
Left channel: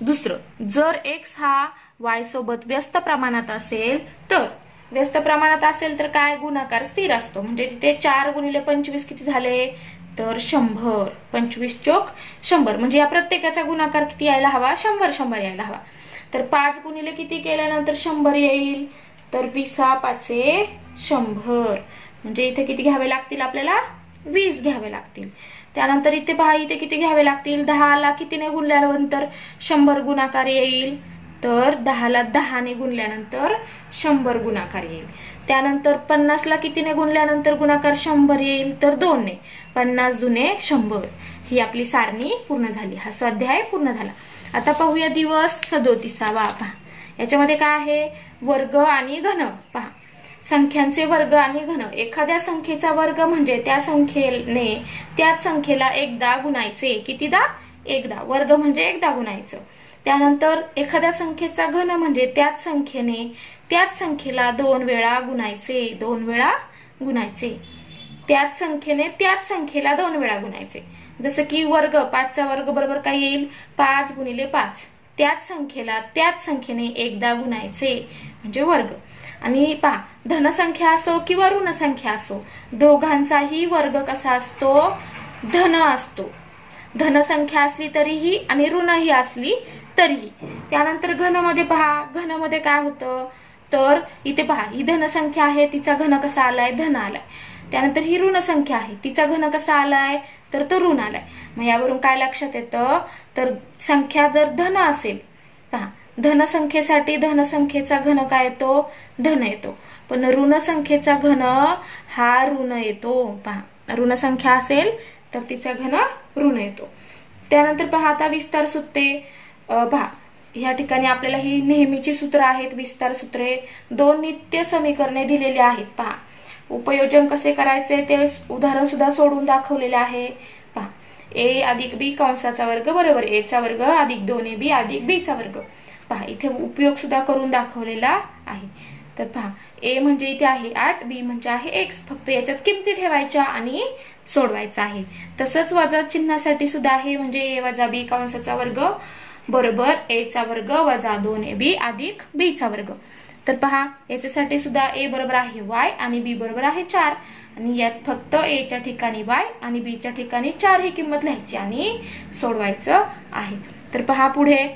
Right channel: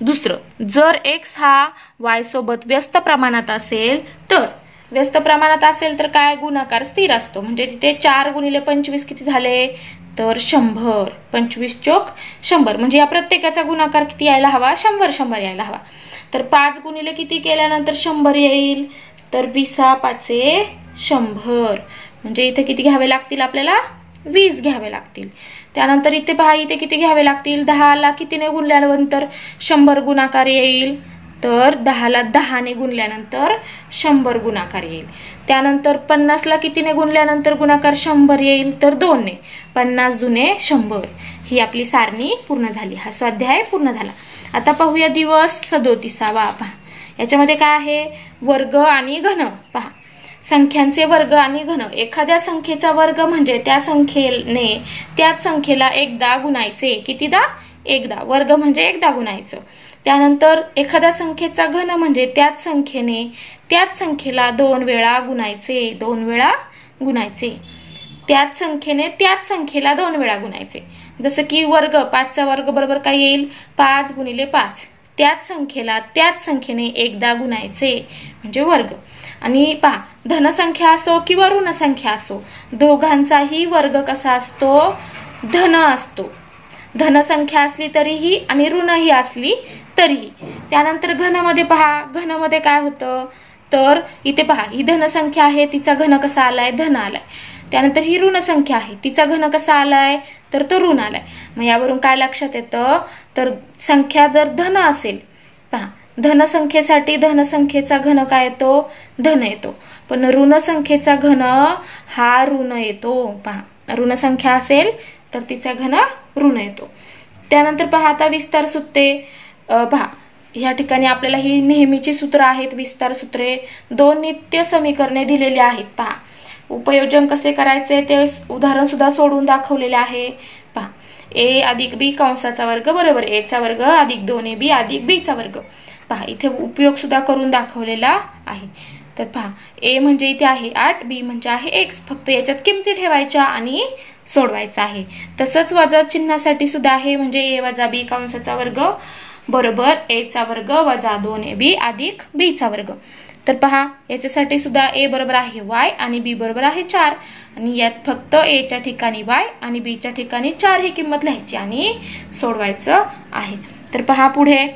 दुसरं, जर x हा y सोबत व्यस्त प्रमाणात असेल तर व्यस्त प्रमाणात असेल तर काय, गुणाकार स्थिर असतो. म्हणजे तिथे 4 गुणिले 25 किती झाले, तर 100. 25 चोक 100. म्हणजे या प्रत्येकाचा गुणाकार किती यायला हवा, 100 यायला हवा. तर 5 गुणिले किती केल्यानंतर 100 येईल, तर 20 5 100. म्हणजे इथे किती घ्यावे लागतील आपल्याला, 20 घ्यावे लागतील. त्यानंतर इथे पहा, इथे किती घ्यावे लागतील, 10 ला कितीने गुणल्यानंतर 100 गुणाकार येईल, तर 10 ला 10 ने गुणल्यानंतर 100 गुणाकार येईल. त्यानंतर 50 ला कितीने गुणल्यानंतर गुणाकार 100 येईल, तर 2 ने. 50 दुने 100. ही आपली सारणी पूर्ण झाली. हा स्वाध्याय पूर्ण झाला. आता पाहूया दिवस 37. पहा याच्यामध्ये काय आहे, वर्ग आणि घन. पहा संख्यांचे वर्ग आणि घन. एखाद्या संख्येचा वर्ग म्हणजे त्या संख्येने त्याच संख्येला एकदा गुणायचे. कितीदा, एकदा. वर्ग म्हणजे एकदा गुणायचं. त्यानंतर एखाद्या संख्येचा घन म्हणजे त्याच संख्येने त्याच संख्येला 2 वेळा गुणायचे. 2 वेळा गुणायचे. त्याच संख्येने त्याच संख्येला 2 वेळा गुणायचे. जसं की वर्ग, 5चा वर्ग बरोबर काय येईल, 5 गुणिले 5. त्याच संख्येला त्याच संख्येने एकदा गुणायचे म्हणजे वर्ग. आणि पहा, धनसंख्या असो किंवा ऋणसंख्या असो, दोघांचाही वर्ग कसा असतो, धन असतो. धनसंख्या असली तरीही आणि ऋणही असली तरीही. त्यानंतर घनमध्ये पहा, घनमध्ये काय होतं, तर इथे पहा ही धनसंख्या आहे, तिचा घन कसा आलाय, धन आलाय. त्यानंतर ही ऋण संख्या आहे, तिचा घन कसा आलाय, तर तो ऋण आलाय. मग यावरून काय लक्षात येतं, तर संख्या जर धन असेल, पहा धनसंख्येसाठी धनसंख्येचा घन काय येतो, धन येतो. पण ऋण संख्येचा घन हा ऋण येतो. पहा ऋण संख्या असेल तर तिचा घन ऋण येतो. त्यानंतर पहा आता विस्तार सूत्रे. पहा या ठिकाणी आपल्याला ही नेहमीची सूत्र आहेत, विस्तार सूत्रे. 2 नित्य समीकरणे दिलेली आहेत. पहा उपयोजन कसे करायचे ते उदाहरण सुद्धा सोडून दाखवलेले आहे. पहा a अधिक b कंसाचा वर्ग बरोबर a चा वर्ग अधिक 2ab अधिक b चा वर्ग. पहा इथे उपयोग सुद्धा करून दाखवलेला आहे. तर पहा a म्हणजे इथे आहे 8, b म्हणजे आहे x. फक्त याच्यात किमती ठेवायच्या आणि सोडवायचं आहे. तसंच वजा चिन्हासाठी सुद्धा आहे, म्हणजे a वजा b कंसाचा वर्ग बरोबर a चा वर्ग वजा 2ab अधिक b चा वर्ग. तर पहा याच्यासाठी सुद्धा a बरोबर आहे y आणि b बरोबर आहे 4. आणि यात फक्त a च्या ठिकाणी y आणि b च्या ठिकाणी 4 ही किंमत लिहायची आणि सोडवायचं आहे. तर पहा पुढे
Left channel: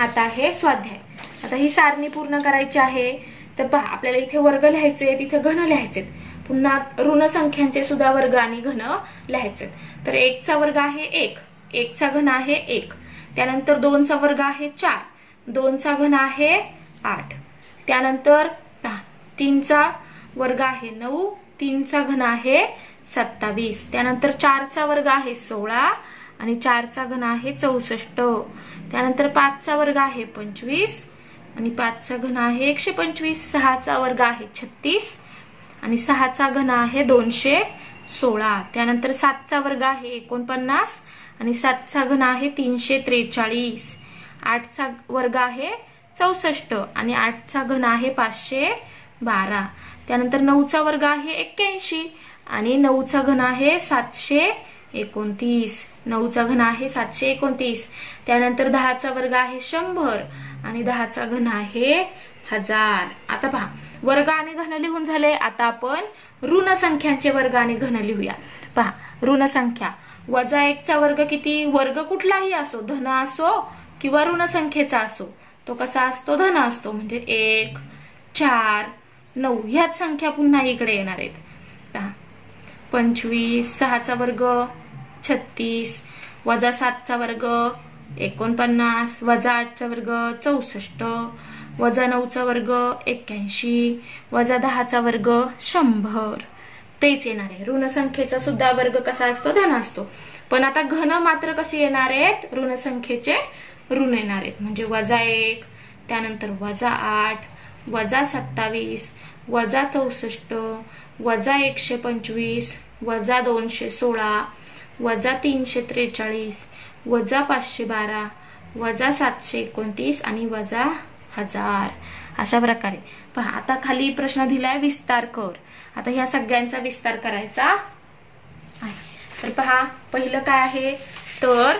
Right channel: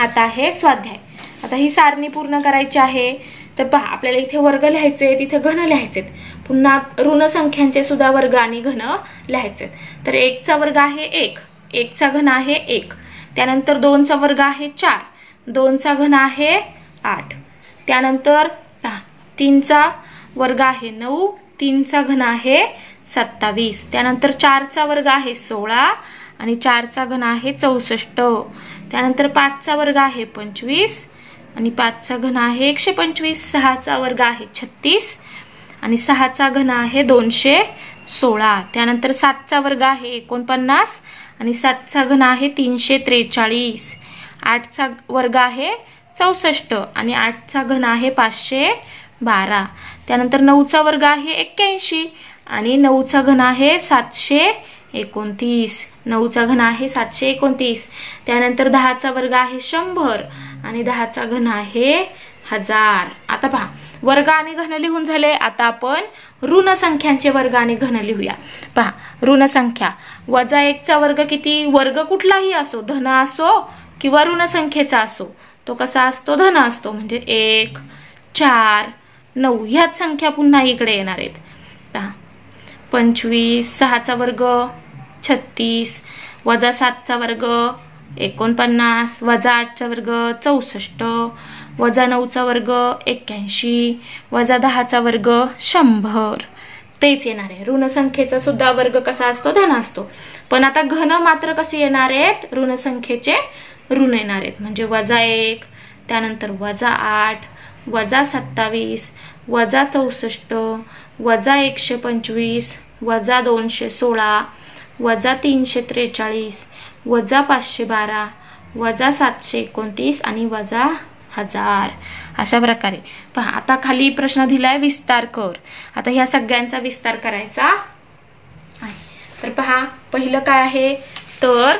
आता आहे स्वाध्याय. आता ही सारणी पूर्ण करायची आहे. तर पहा आपल्याला इथे वर्ग लिहायचे, तिथे घन लिहायचे. पुन्हा ऋण संख्यांचे सुद्धा वर्ग आणि घन लिहायचे. तर 1 चा वर्ग आहे 1, 1 चा घन आहे 1. त्यानंतर 2 चा वर्ग आहे 4, 2 चा घन आहे 8. त्यानंतर 3 चा वर्ग आहे 9, 3 चा घन आहे 27. त्यानंतर 4 चा वर्ग आहे 16 आणि 4 चा घन आहे 64. त्यानंतर 5 चा वर्ग आहे 25 आणि 5 चा घन आहे 125. 6 चा वर्ग आहे 36 आणि 6 चा घन आहे 216. त्यानंतर 7 चा वर्ग आहे 49 आणि 7 चा घन आहे 343. 8 चा वर्ग आहे 64 आणि 8 चा घन आहे 512. त्यानंतर 9 चा वर्ग आहे 81 आणि 9 चा घन आहे 729. 9 चा घन आहे 729. त्यानंतर 10 चा वर्ग आहे 100 आणि 10 चा घन आहे 1000. आता पहा वर्ग आणि घन लिहून झाले. आता आपण ऋण संख्यांचे वर्ग आणि घन लिहूया. पहा ऋण संख्या वजा 1 चा वर्ग किती, वर्ग कुठलाही असो, धन असो किंवा ऋण संख्येचा असो, तो कसा असतो, धन असतो. म्हणजे 1, 4, 9 ह्याच संख्या पुन्हा इकडे येणार आहेत. 25, 6 चा वर्ग 36, वजा 7 चा वर्ग 49, वजा 8 चा वर्ग 64, वजा 9 चा वर्ग 81, वजा 10 चा वर्ग 100. तेच येणार आहे. ऋण संख्येचा सुद्धा वर्ग कसा असतो, धन असतो. पण आता घन मात्र कसे येणार आहेत, ऋण संख्येचे ऋण येणार आहेत. म्हणजे वजा 1, त्यानंतर वजा 8, वजा 27, वजा 64, वजा 125, वजा 216, वजा 343, वजा 512, वजा 729 आणि वजा 1000. अशा प्रकारे पहा. आता खाली प्रश्न दिलाय विस्तार कर. आता ह्या सगळ्यांचा विस्तार करायचा आहे. तर पहा पहिलं काय आहे, तर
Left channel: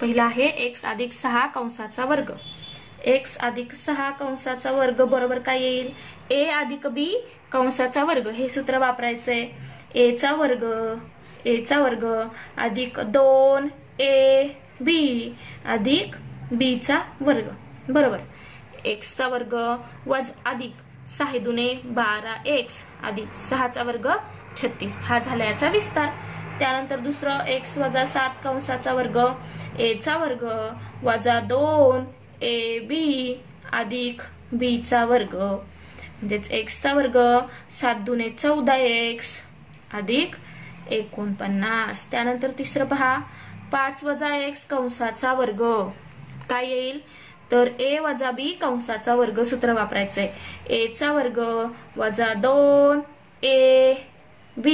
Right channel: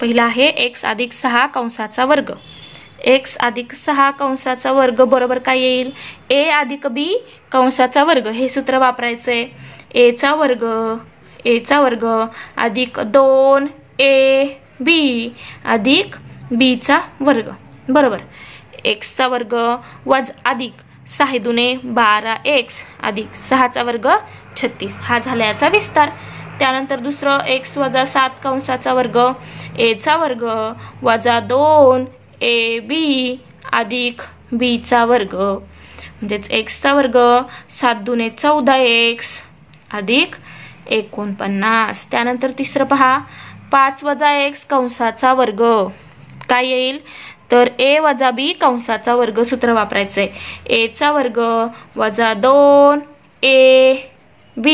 पहिला आहे x अधिक 6 कंसाचा वर्ग. x अधिक 6 कंसाचा वर्ग बरोबर काय येईल? a अधिक b कंसाचा वर्ग. हे सूत्र वापरायचंय. a चा वर्ग अधिक 2ab अधिक b चा वर्ग बरोबर. x चा वर्ग अधिक 6 दुने 12x अधिक 6 चा वर्ग 36. हा झाला याचा विस्तार. त्यानंतर दुसरं x वजा 7 कंसाचा वर्ग a चा वर्ग वजा 2ab अधिक b चा वर्ग म्हणजेच x चा वर्ग 7 दुने 14x अधिक 49. त्यानंतर तिसरं पहा 5 वजा x कंसाचा वर्ग काय येईल? तर a वजा b कंसाचा वर्ग सूत्र वापरायचंय. a चा वर्ग वजा 2ab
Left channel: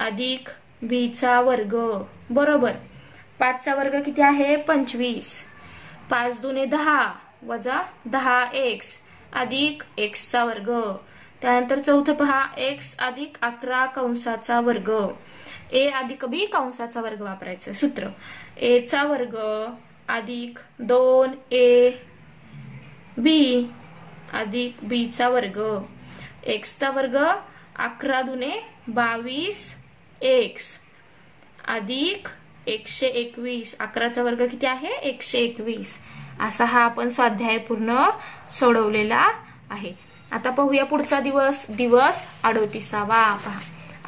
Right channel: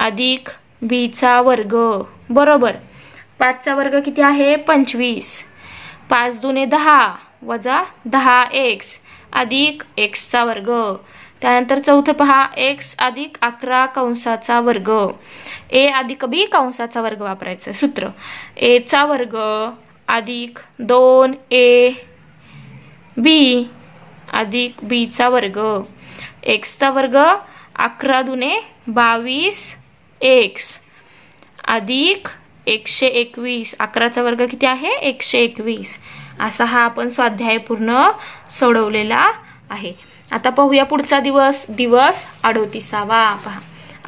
अधिक b चा वर्ग बरोबर. 5 चा वर्ग किती आहे? 25. 5 दुने 10 वजा 10x अधिक x चा वर्ग. त्यानंतर चौथं पहा x अधिक 11 कंसाचा वर्ग. a अधिक b कंसाचा वर्ग वापरायचं सूत्र. a चा वर्ग अधिक 2ab अधिक b चा वर्ग. x चा वर्ग 11 दुने 22x अधिक 121. 11 चा वर्ग किती आहे? 121. असा हा आपण स्वाध्याय पूर्ण सोडवलेला आहे. आता पाहूया पुढचा दिवस 38वा. पहा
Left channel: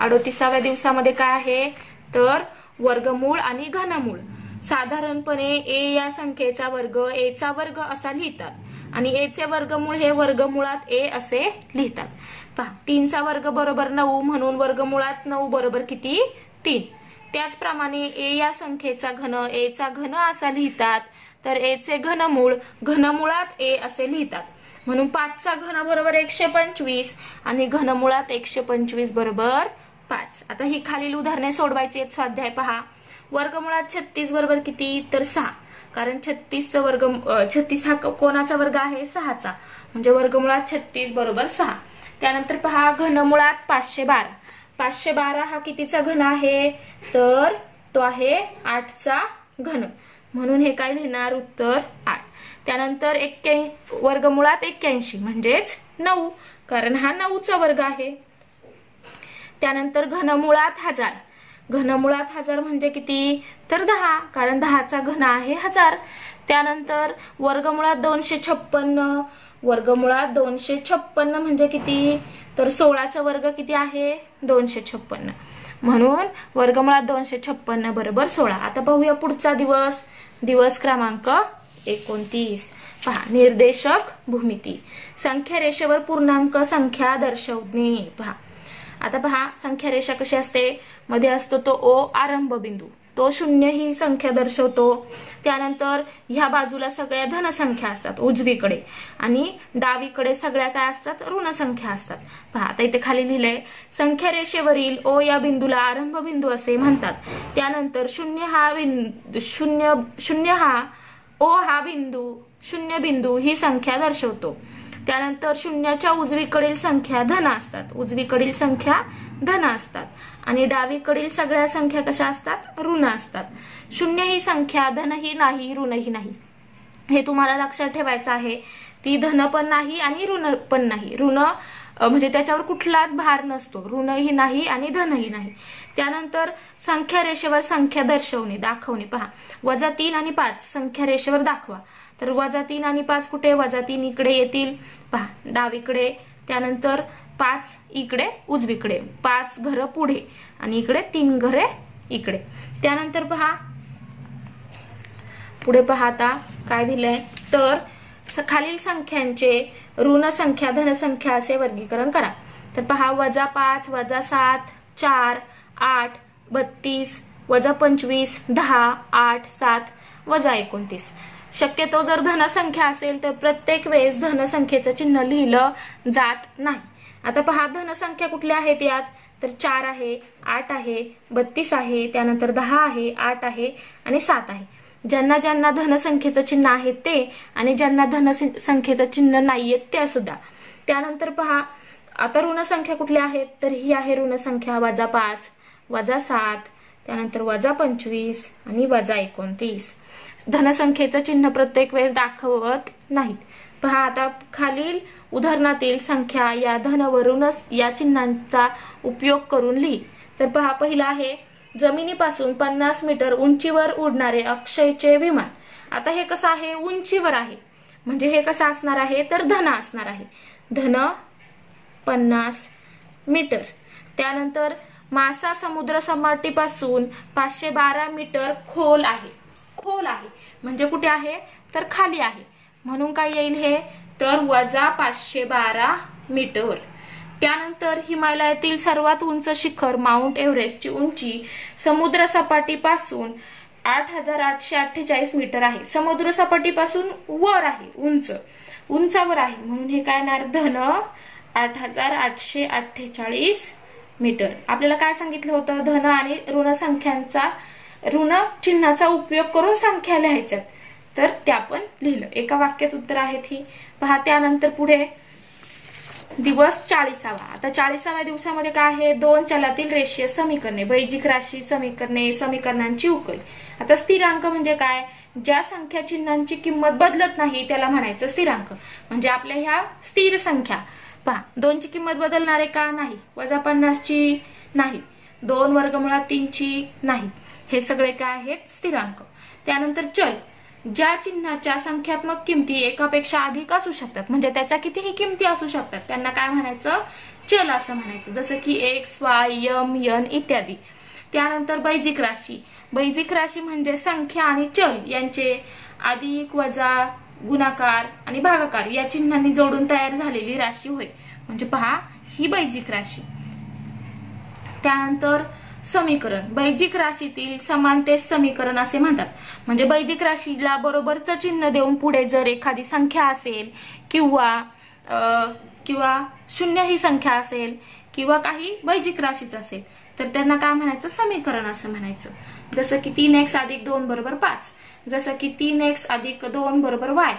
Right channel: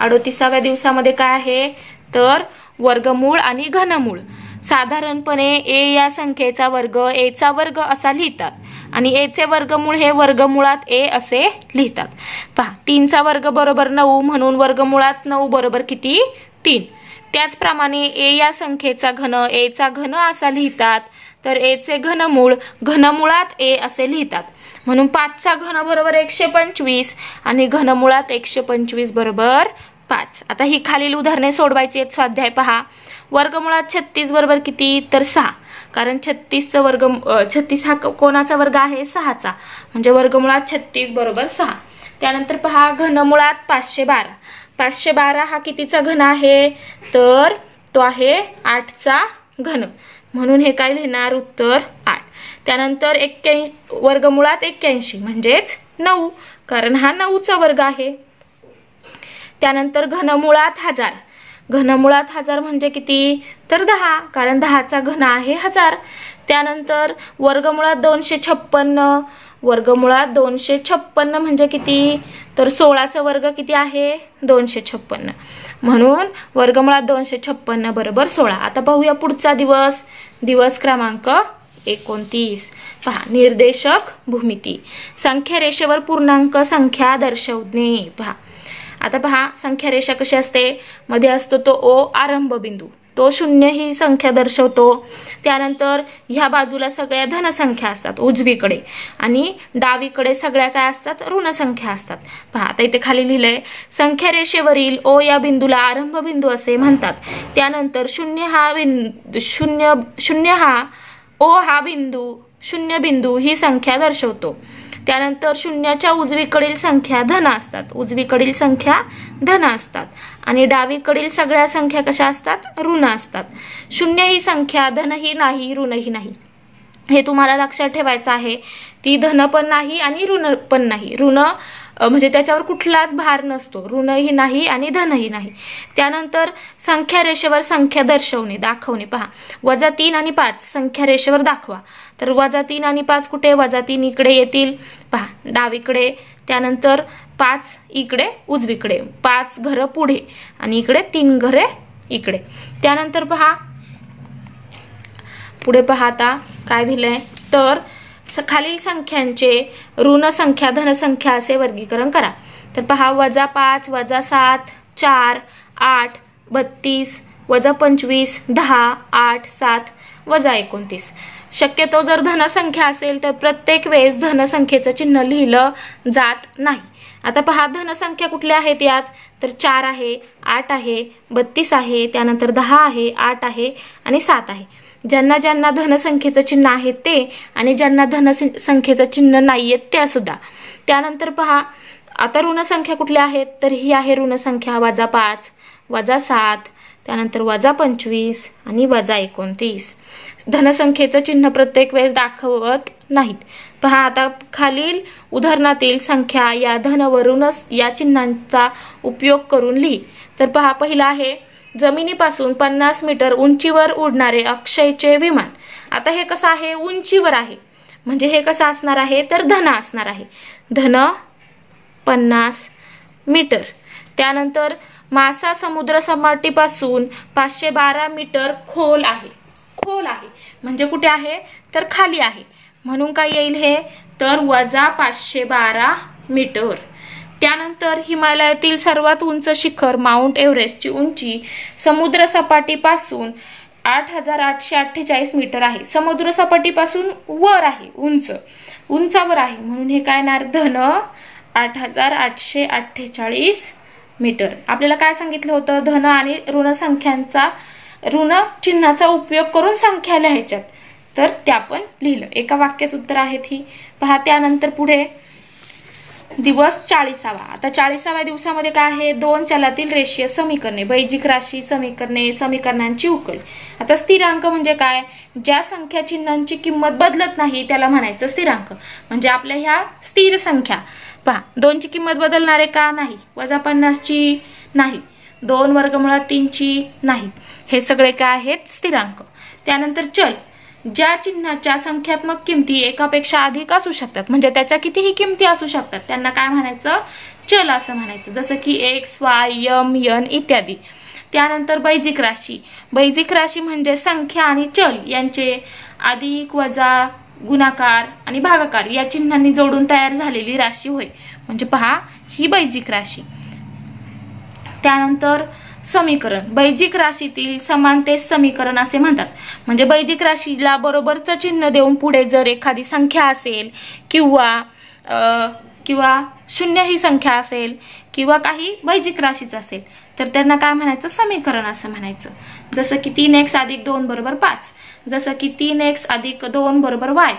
38व्या दिवसामध्ये काय आहे? तर वर्गमूळ आणि घनमूळ. साधारणपणे a या संख्येचा वर्ग a चा वर्ग असा लिहितात आणि a चे वर्गमूळ हे वर्गमुळात a असे लिहितात. पहा 3 चा वर्ग बरोबर 9 म्हणून वर्गमुळात 9 बरोबर किती? 3. त्याचप्रमाणे a या संख्येचा घन a चा घन असा लिहितात तर a चे घनमूळ घनमुळात a असे लिहितात. म्हणून 5 चा घन बरोबर 125 आणि घनमुळात 125 बरोबर 5. आता ही खालील उदाहरणे सोडवायची आहेत. स्वाध्याय पहा. वर्गमुळात 36 बरोबर किती? तर 6. कारण 36 हा कोणाचा वर्ग आहे? 6चा. म्हणजे वर्गमुळात 36 बरोबर 6. त्यानंतर पहा घनमुळात 512. 512 हा कितीचा घन आहे? तर तो आहे 8चा घन. म्हणून हे काय लिहिणार? उत्तर 8. त्यानंतर वर्गमुळात 81 म्हणजेच 9 कारण हा 9चा वर्ग आहे. त्यानंतर घनमुळात 1000. घनमुळात 1000 म्हणजे किती? तर 10 कारण 10चा घन आहे 1000. त्यानंतर वर्गमुळात 256. वर्गमुळात 256 म्हणजे किती? तर 16चा वर्ग किती आहे? 256. म्हणून वर्गमुळात 256 बरोबर 16. आता पाहूया पुढचा दिवस क्रमांक 29. पहा निर्देशक भूमिती. संख्यारेषेवर पूर्णांक संख्या दर्शवणे. पहा आता पहा संख्यारेषा कशी असते? मध्ये असतो तो O आरंभ बिंदू. तो 0 ही संख्या दर्शवतो. त्यानंतर ह्या बाजूला सगळ्या धनसंख्या असतात उजवीकडे आणि डावीकडे सगळ्या काय असतात? ऋण संख्या असतात. पहा आता इथे खाली लिहिलंय संख्यारेषेवरील O या बिंदूला आरंभ बिंदू असे म्हणतात. त्यानंतर 0 बिंदू ही संख्या दर्शवतो. त्यानंतर 0च्या उजवीकडील संख्या धन असतात आणि डावीकडील सगळ्या संख्या कशा असतात? ऋण असतात. 0 ही संख्या धनही नाही ऋणही नाही हे तुम्हाला लक्षात ठेवायचं आहे. ती धन पण नाही आणि ऋण पण नाही. ऋण म्हणजे त्याच्यावर कुठलाच भार नसतो. ऋणही नाही आणि धनही नाही. त्यानंतर संख्या रेषेवर संख्या दाखवणे. पहा -3 आणि 5 संख्या रेषेवर दाखवा. तर -3 आणि 5 कुठे? -3 इकडे येतील पहा डावीकडे. त्यानंतर 5 इकडे उजवीकडे. 5 घरं पुढे आणि इकडे 3 घरे इकडे. त्यानंतर पहा पुढे पाहता काय दिलंय? तर खालील संख्यांचे ऋण संख्या धनसंख्या असे वर्गीकरण करा. तर पहा -5 -7 4 8 32 -25 10 8 7 -29. शक्यतो जर धनसंख्या असेल तर प्रत्येक वेळेस धनसंख्येचं चिन्ह लिहिलं जात नाही. आता पहा धनसंख्या कुठल्या आहेत यात? तर 4 आहे 8 आहे 32 आहे त्यानंतर 10 आहे 8 आहे आणि 7 आहे. ज्यांना ज्यांना धनसंख्येचं चिन्ह आहे ते आणि ज्यांना धनसंख्येचं चिन्ह नाहीये त्या सुद्धा. त्यानंतर पहा आता ऋण संख्या कुठल्या आहेत? तर ही आहे ऋण संख्या -5 -7 त्यानंतर -25 आणि -29. धनसंख्येचं चिन्ह प्रत्येक वेळेस दाखवत नाहीत. पहा आता खालील उदाहरणातील संख्या या धनवरूनच या चिन्हांचा उपयोग करून लिही. तर पहा पहिला आहे जमिनीपासून 50 मीटर उंचीवर उडणारे अक्षयचे विमान. आता हे कसं आहे, उंचीवर आहे, म्हणजे हे कसं असणार आहे तर धन असणार आहे. धन 50 मीटर. त्यानंतर मासा समुद्र सपाटीपासून 512 मीटर खोल आहे. खोल आहे म्हणजे कुठे आहे तर खाली आहे, म्हणून काय येईल हे तर -512 मीटर. त्यानंतर हिमालयातील सर्वात उंच शिखर माउंट एव्हरेस्टची उंची समुद्र सपाटीपासून 8848 मीटर आहे. समुद्र सपाटीपासून वर आहे, उंचावर आहे, म्हणून हे काय येणार धन 8848 मीटर. आपल्याला काय सांगितलं होतं, धन आणि ऋण संख्यांचा ऋण चिन्हाचा उपयोग करून संख्या लिहायच्यात, तर त्या पण लिहिलं. एका वाक्यात उत्तर आहेत ही. पहा त्यानंतर पुढे दिवस 40वा. आता 40व्या दिवसामध्ये काय आहे, 2 चलातील रेषीय समीकरणे, बैजिक राशी समीकरणे, समीकरणांची उकल. आता स्थिरांक म्हणजे काय, ज्या संख्या चिन्हांची किंमत बदलत नाही त्याला म्हणायचं स्थिरांक. म्हणजे आपल्या ह्या स्थिर संख्या. पहा 2 ची किंमत बदलणार आहे का, नाही. -50 ची नाही, 2 वर्गमुळात 3 ची नाही. हे सगळे काय आहेत स्थिरांक. त्यानंतर चल, ज्या चिन्हाच्या संख्यात्मक किमती एकापेक्षा अधिक असू शकतात, म्हणजे त्याच्या कितीही किमती असू शकतात, त्यांना काय म्हणायचं चल असं म्हणायचं. जसं की x, y, m, n इत्यादी. त्यानंतर बैजिक राशी. बैजिक राशी म्हणजे संख्या आणि चल यांचे अधिक, वजा, गुणाकार आणि भागाकार या चिन्हांनी जोडून तयार झालेली राशी होय. म्हणजे पहा ही बैजिक राशी. त्यानंतर समीकरण. बैजिक राशीतील समानतेस समीकरण असे म्हणतात. म्हणजे बैजिक राशीला बरोबरचं चिन्ह देऊन पुढे जर एखादी संख्या असेल किंवा शून्य ही संख्या असेल किंवा काही बैजिक राशीच असेल तर त्यांना काय म्हणायचं समीकरण असं म्हणायचं. जसं की 3x + 2 = 5. जसं की 3x + 2 = y.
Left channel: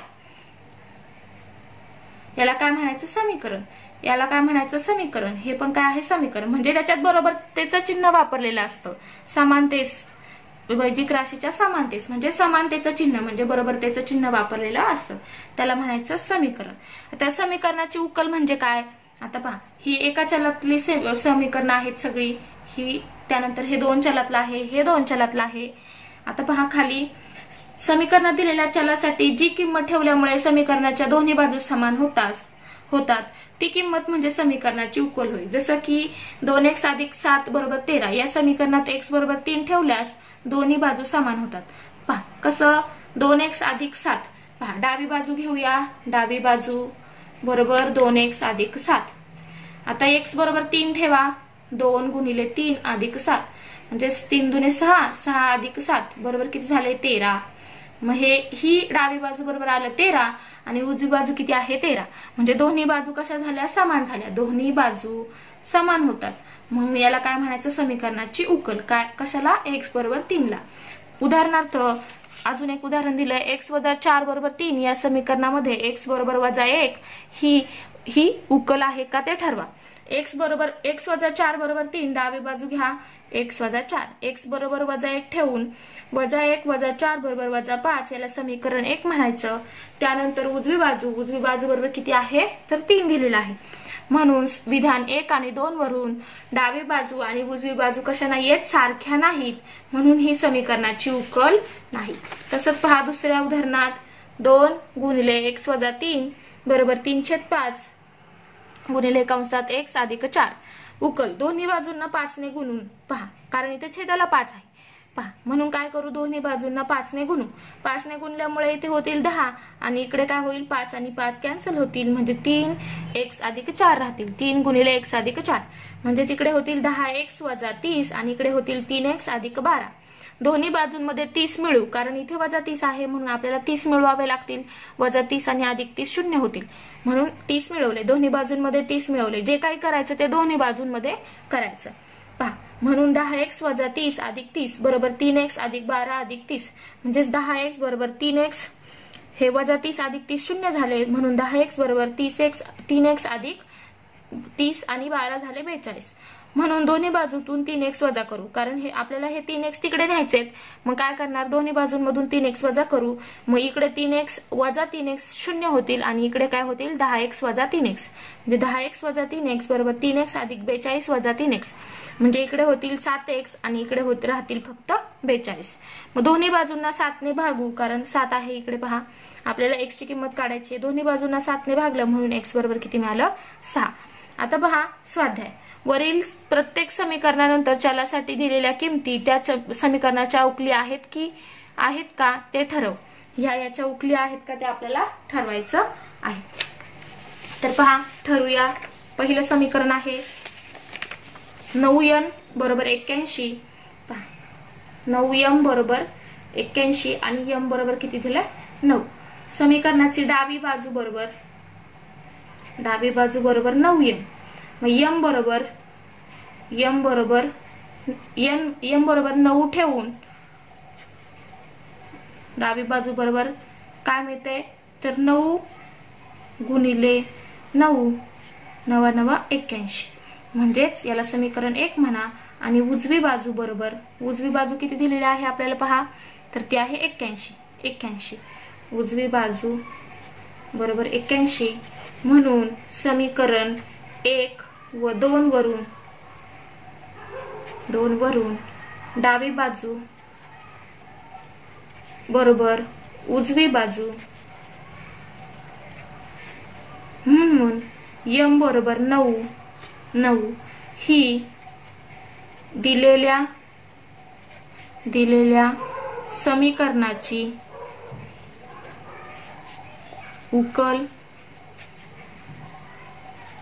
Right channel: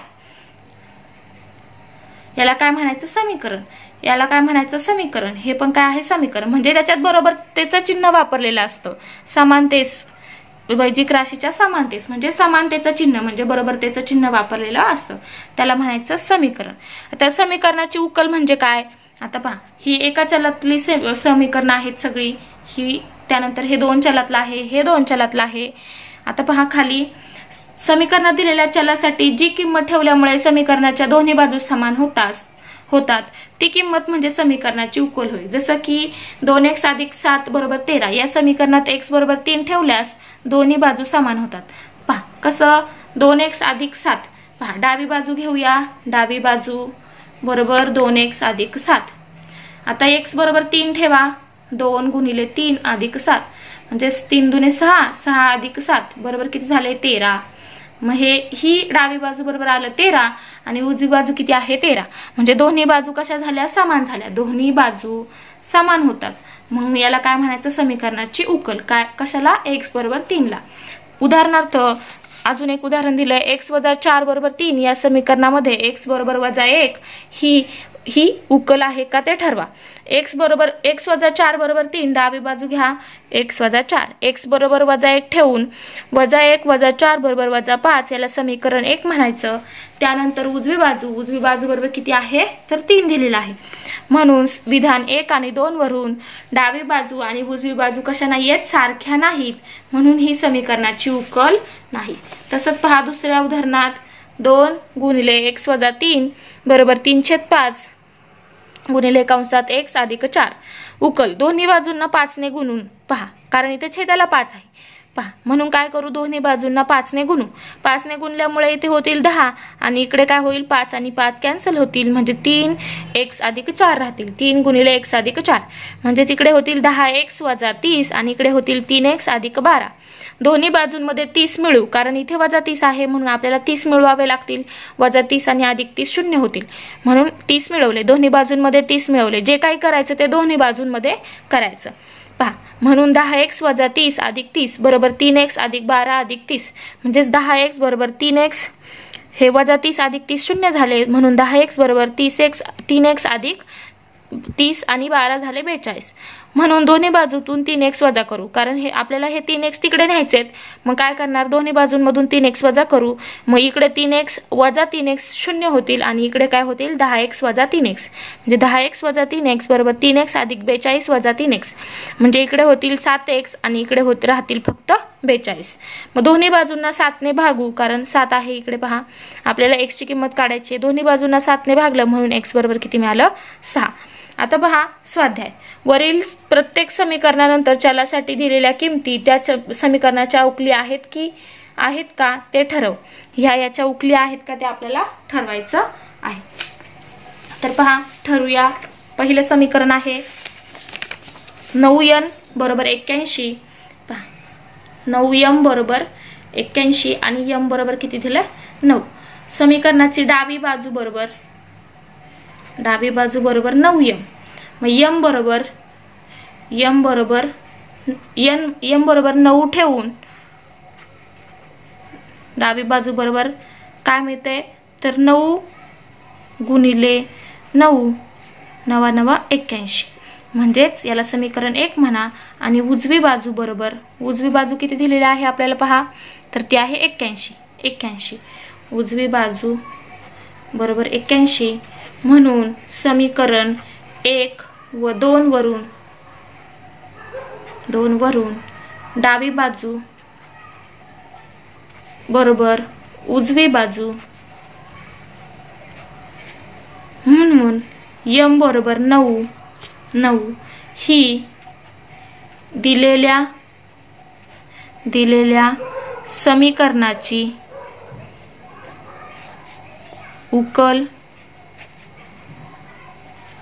याला काय म्हणायचं समीकरण. याला काय म्हणायचं समीकरण. हे पण काय आहे समीकरण. म्हणजे त्याच्यात बरोबरतेचं चिन्ह वापरलेलं असतं. समानतेस, बैजिक राशीच्या समानतेस म्हणजे समानतेचं चिन्ह म्हणजे बरोबरतेचं चिन्ह वापरलेलं असतं, त्याला म्हणायचं समीकरण. आता समीकरणाची उकल म्हणजे काय. आता पहा ही एका चलातली समीकरण आहेत सगळी ही. त्यानंतर हे 2 चलातलं आहे, हे 2 चलातलं आहे. आता पहा खाली समीकरणात दिलेल्या चलासाठी जी किंमत ठेवल्यामुळे समीकरणाच्या दोन्ही बाजू समान होतात ती किंमत म्हणजे समीकरणाची उकल होईल. जसं की 2x + 7 = 13. या समीकरणात x = 3 ठेवल्यास दोन्ही बाजू समान होतात. पहा कसं 2x + 7. पहा डावी बाजू घेऊया. डावी बाजू बरोबर 2x + 7. आता x = 3 ठेवा. 2 × 3 + 7 म्हणजे 3 × 6, 6 + 7 बरोबर किती झाले 13. मग ही डावी बाजू बरोबर आलं 13 आणि उजवी बाजू किती आहे 13. म्हणजे दोन्ही बाजू कशा झाल्या समान झाल्या. दोन्ही बाजू समान होतात. मग याला काय म्हणायचं समीकरणाची उकल. काय कशाला x = 3 ला. उदाहरणार्थ अजून एक उदाहरण दिलंय. x - 4 = 3 या समीकरणामध्ये x = -1 ही उकल आहे का ते ठरवा. x - 4 = 3 डावी बाजू घ्या x - 4. x = -1 ठेवून -1 - 4 = -5 याला समीकरण 1 म्हणायचं. त्यानंतर उजवी बाजू बरोबर किती आहे तर 3 दिलेला आहे. म्हणून विधान 1 आणि 2 वरून डावी बाजू आणि उजवी बाजू कशा नाहीयेत सारख्या नाहीत, म्हणून ही समीकरणाची उकल नाही. तसंच पहा दुसऱ्या उदाहरणात 2 × x - 3 = 3/5 गुणिले कंसात x + 4. उकल दोन्ही बाजूंना 5 ने गुणून पहा, कारण इथे छेदाला 5 आहे. पहा म्हणून काय करू दोन्ही बाजूंना 5 ने गुणू. 5 ने गुणल्यामुळे इथे होतील 10 आणि इकडे काय होईल 5 आणि 5 कॅन्सल होतील म्हणजे 3x + 4 राहतील. 3 × x + 4 म्हणजे इकडे होतील 10x - 30 आणि इकडे होतील 3x + 12. दोन्ही बाजूंमध्ये 30 मिळू, कारण इथे -30 आहे म्हणून आपल्याला 30 मिळवावे लागतील. -30 आणि +30 0 होतील म्हणून 30 मिळवले. दोन्ही बाजूंमध्ये 30 मिळवले. जे काही करायचं ते दोन्ही बाजूंमध्ये करायचं. पहा म्हणून 10x - 30 + 30 = 3x + 12 + 30 म्हणजेच 10x = 3x. हे -30 + 30 0 झाले म्हणून 10x = 3x + 30 आणि 12 झाले 42. म्हणून दोन्ही बाजूतून 3x वजा करू, कारण हे आपल्याला हे 3x तिकडे न्यायचेत. मग काय करणार, दोन्ही बाजूंमधून 3x वजा करू. मग इकडे 3x वजा 3x 0 होतील आणि इकडे काय होतील 10x वजा 3x. म्हणजे 10x वजा 3x बरोबर 3x अधिक 42 वजा 3x. म्हणजे इकडे होतील 7x आणि इकडे राहतील फक्त 42. मग दोन्ही बाजूंना 7 ने भागू, कारण 7 आहे इकडे पहा. आपल्याला x ची किंमत काढायची आहे. दोन्ही बाजूंना 7 ने भागलं म्हणून x बरोबर किती मिळालं 6. आता पहा स्वाध्याय. वरील प्रत्येक समीकरणानंतर चलासाठी दिलेल्या किमती त्या समीकरणाच्या उकली आहेत का ते ठरव. याच्या उकली आहेत का ते आपल्याला ठरवायचं आहे. तर पहा ठरवूया. पहिलं समीकरण आहे 9n बरोबर 81. पहा 9m बरोबर 81 आणि m बरोबर किती दिलं 9. समीकरणाची डावी बाजू बरोबर 9m. मग m बरोबर बरोबर 9 ठेवून डावी बाजू बरोबर काय मिळते तर 9 गुणिले 9 9 9 81. म्हणजेच याला समीकरण 1 म्हणा. आणि उजवी बाजू किती दिलेली आहे आपल्याला पहा, तर ती आहे 81. उजवी बाजू बरोबर 81. म्हणून समीकरण 1 व 2 वरून डावी बाजू बरोबर उजवी बाजू म्हणून m बरोबर 9 ही दिलेल्या समीकरणाची उकल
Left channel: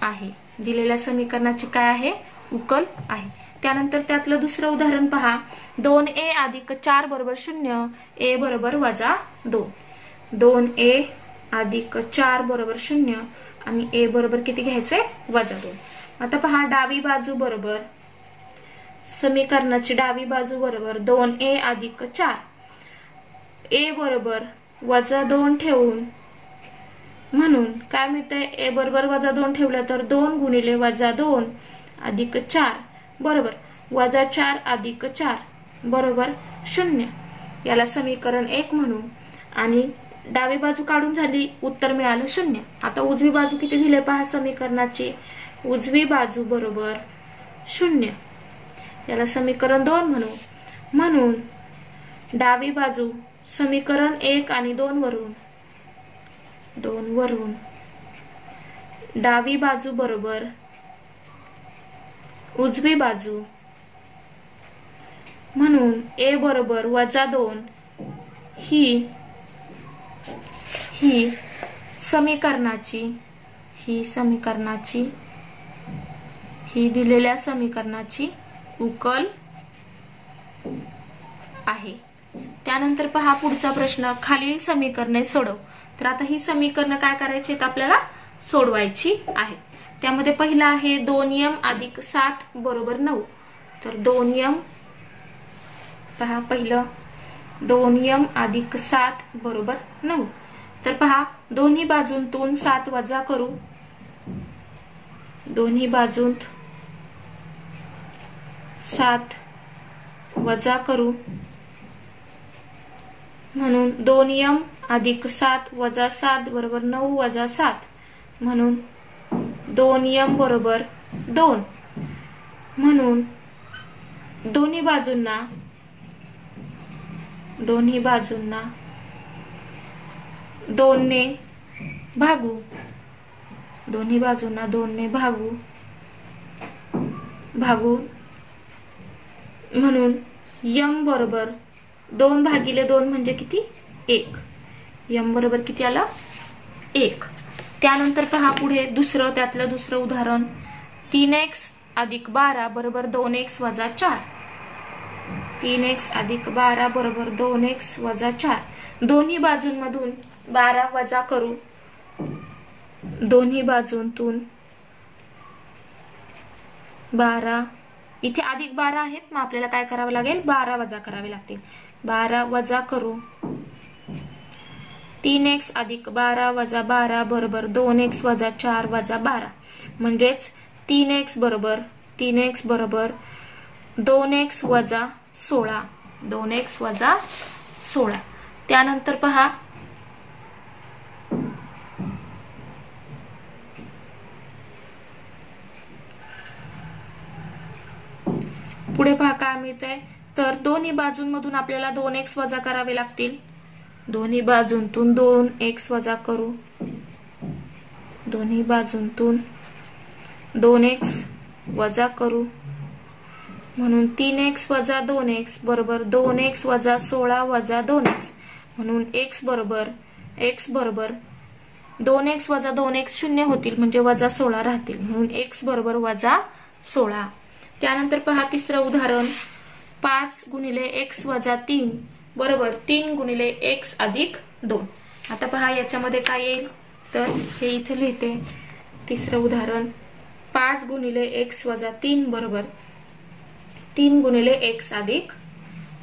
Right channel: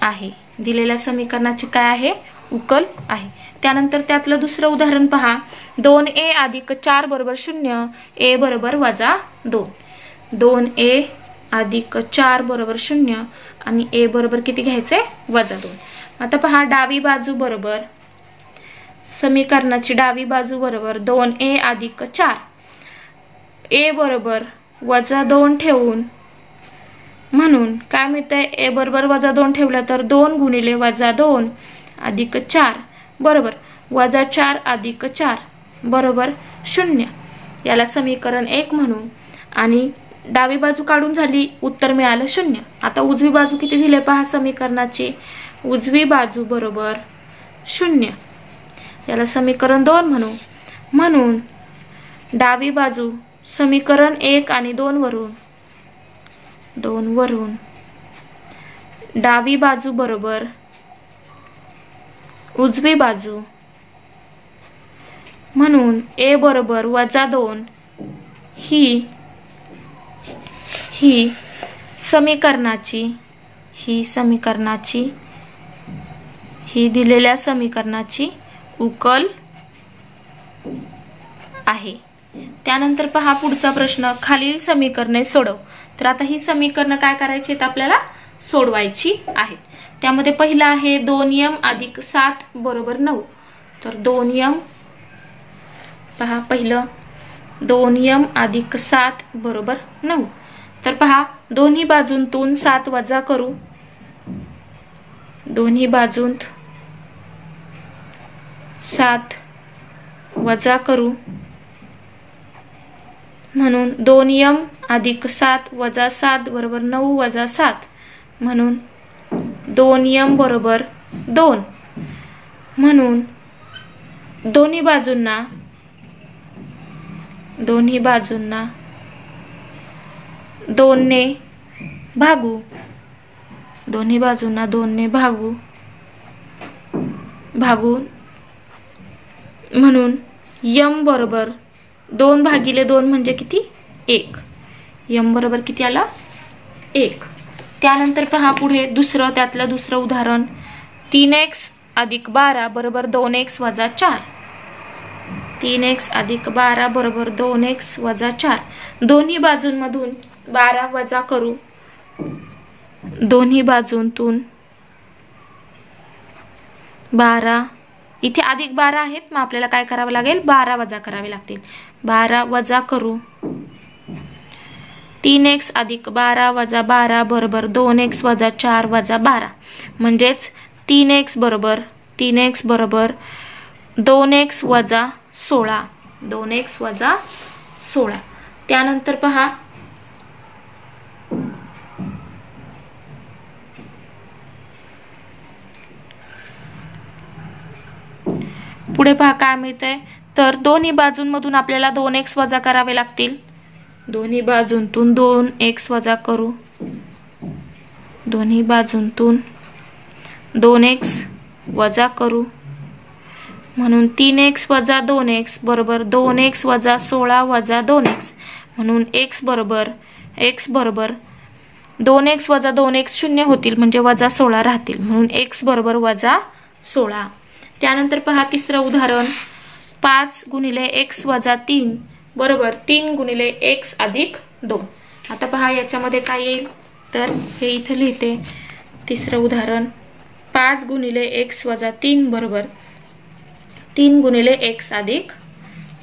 आहे. दिलेल्या समीकरणाची काय आहे उकल आहे. त्यानंतर त्यातलं दुसरं उदाहरण पहा. 2a अधिक 4 बरोबर 0. a बरोबर वजा 2. 2a अधिक 4 बरोबर 0 आणि a बरोबर किती घ्यायचे वजा 2. आता पहा डावी बाजू बरोबर समीकरणाची डावी बाजू बरोबर 2a अधिक 4. a बरोबर वजा 2 ठेवून म्हणून काय मिळतंय a बरोबर वजा 2 ठेवलं तर 2 गुणिले वजा 2 अधिक 4 बरोबर वजा 4 अधिक 4 बरोबर 0. याला समीकरण 1 म्हणून. आणि डावी बाजू काढून झाली, उत्तर मिळालं 0. आता उजवी बाजू किती दिले पहा समीकरणाची. उजवी बाजू बरोबर 0. याला समीकरण 2 म्हणू. म्हणून डावी बाजू समीकरण 1 आणि 2 वरून डावी बाजू बरोबर उजवी बाजू म्हणून a बरोबर वजा 2 ही दिलेल्या समीकरणाची उकल आहे. त्यानंतर पहा पुढचा प्रश्न. खालील समीकरणे सोडव. तर आता ही समीकरणं काय करायची आहेत आपल्याला सोडवायची आहेत. त्यामध्ये पहिला आहे 2m अधिक 7 बरोबर 9. तर 2m पहा पहिलं 2m अधिक 7 बरोबर 9. तर पहा दोन्ही बाजूंतून 7 वजा करू. दोन्ही बाजूंत 7 वजा करू म्हणून 2m अधिक 7 वजा 7 बरोबर 9 वजा 7. म्हणून 2m बरोबर 2. म्हणून दोन्ही बाजूंना 2 ने भागू. दोन्ही बाजूंना 2 ने भागू म्हणून m बरोबर 2 भागिले 2 म्हणजे किती 1. m बरोबर किती आला 1. त्यानंतर पहा पुढे त्यातलं दुसरं उदाहरण 3x अधिक 12 बरोबर 2x वजा 4. 3x अधिक 12 बरोबर 2x वजा 4. दोन्ही बाजूंमधून 12 वजा करू. दोन्ही बाजूंतून 12 इथे अधिक 12 आहेत, मग आपल्याला काय करावं लागेल 12 वजा करावे लागतील. 12 वजा करू. 3x अधिक 12 वजा 12 बरोबर 2x वजा 4 वजा 12. म्हणजेच 3x बरोबर 3x बरोबर 2x वजा 16, 2x वजा 16. त्यानंतर पहा पुढे पहा काय मिळतंय, तर दोन्ही बाजूंमधून आपल्याला 2x वजा करावे लागतील. दोन्ही बाजूंतून 2x वजा करू, दोन्ही बाजूंतून 2x वजा करू, म्हणून 3x वजा 2x बरोबर 2x वजा 16 वजा 2x, म्हणून x बरोबर 2x वजा 2x शून्य होतील म्हणजे वजा 16 राहतील, म्हणून x बरोबर वजा 16. त्यानंतर पहा तिसरं उदाहरण, 5 गुणिले x वजा 3 बरोबर 3 गुणिले x अधिक 2. आता पहा याच्यामध्ये काय येईल, तर हे इथे लिहिते. तिसरं उदाहरण, 5 गुणिले x वजा 3 बरोबर 3 गुणिले x अधिक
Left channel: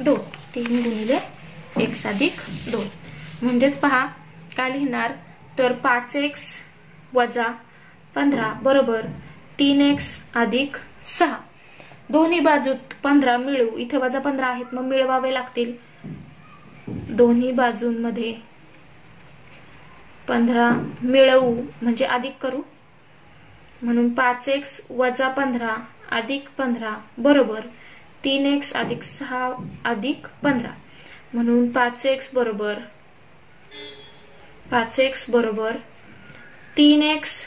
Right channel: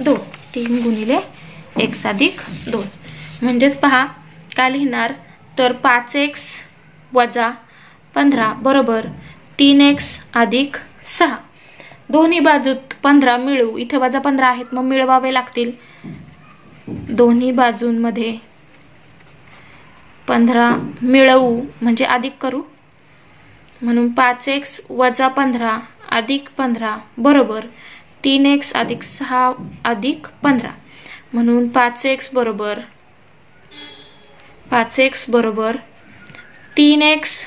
2, 3 गुणिले x अधिक 2. म्हणजेच पहा काय लिहिणार, तर 5x वजा 15 बरोबर 3x अधिक 6. दोन्ही बाजूत 15 मिळवू, इथे वजा 15 आहेत मग मिळवावे लागतील. दोन्ही बाजूंमध्ये 15 मिळवू म्हणजे अधिक करू, म्हणून 5x वजा 15 अधिक 15 बरोबर 3x अधिक 6 अधिक 15, म्हणून 5x बरोबर 3x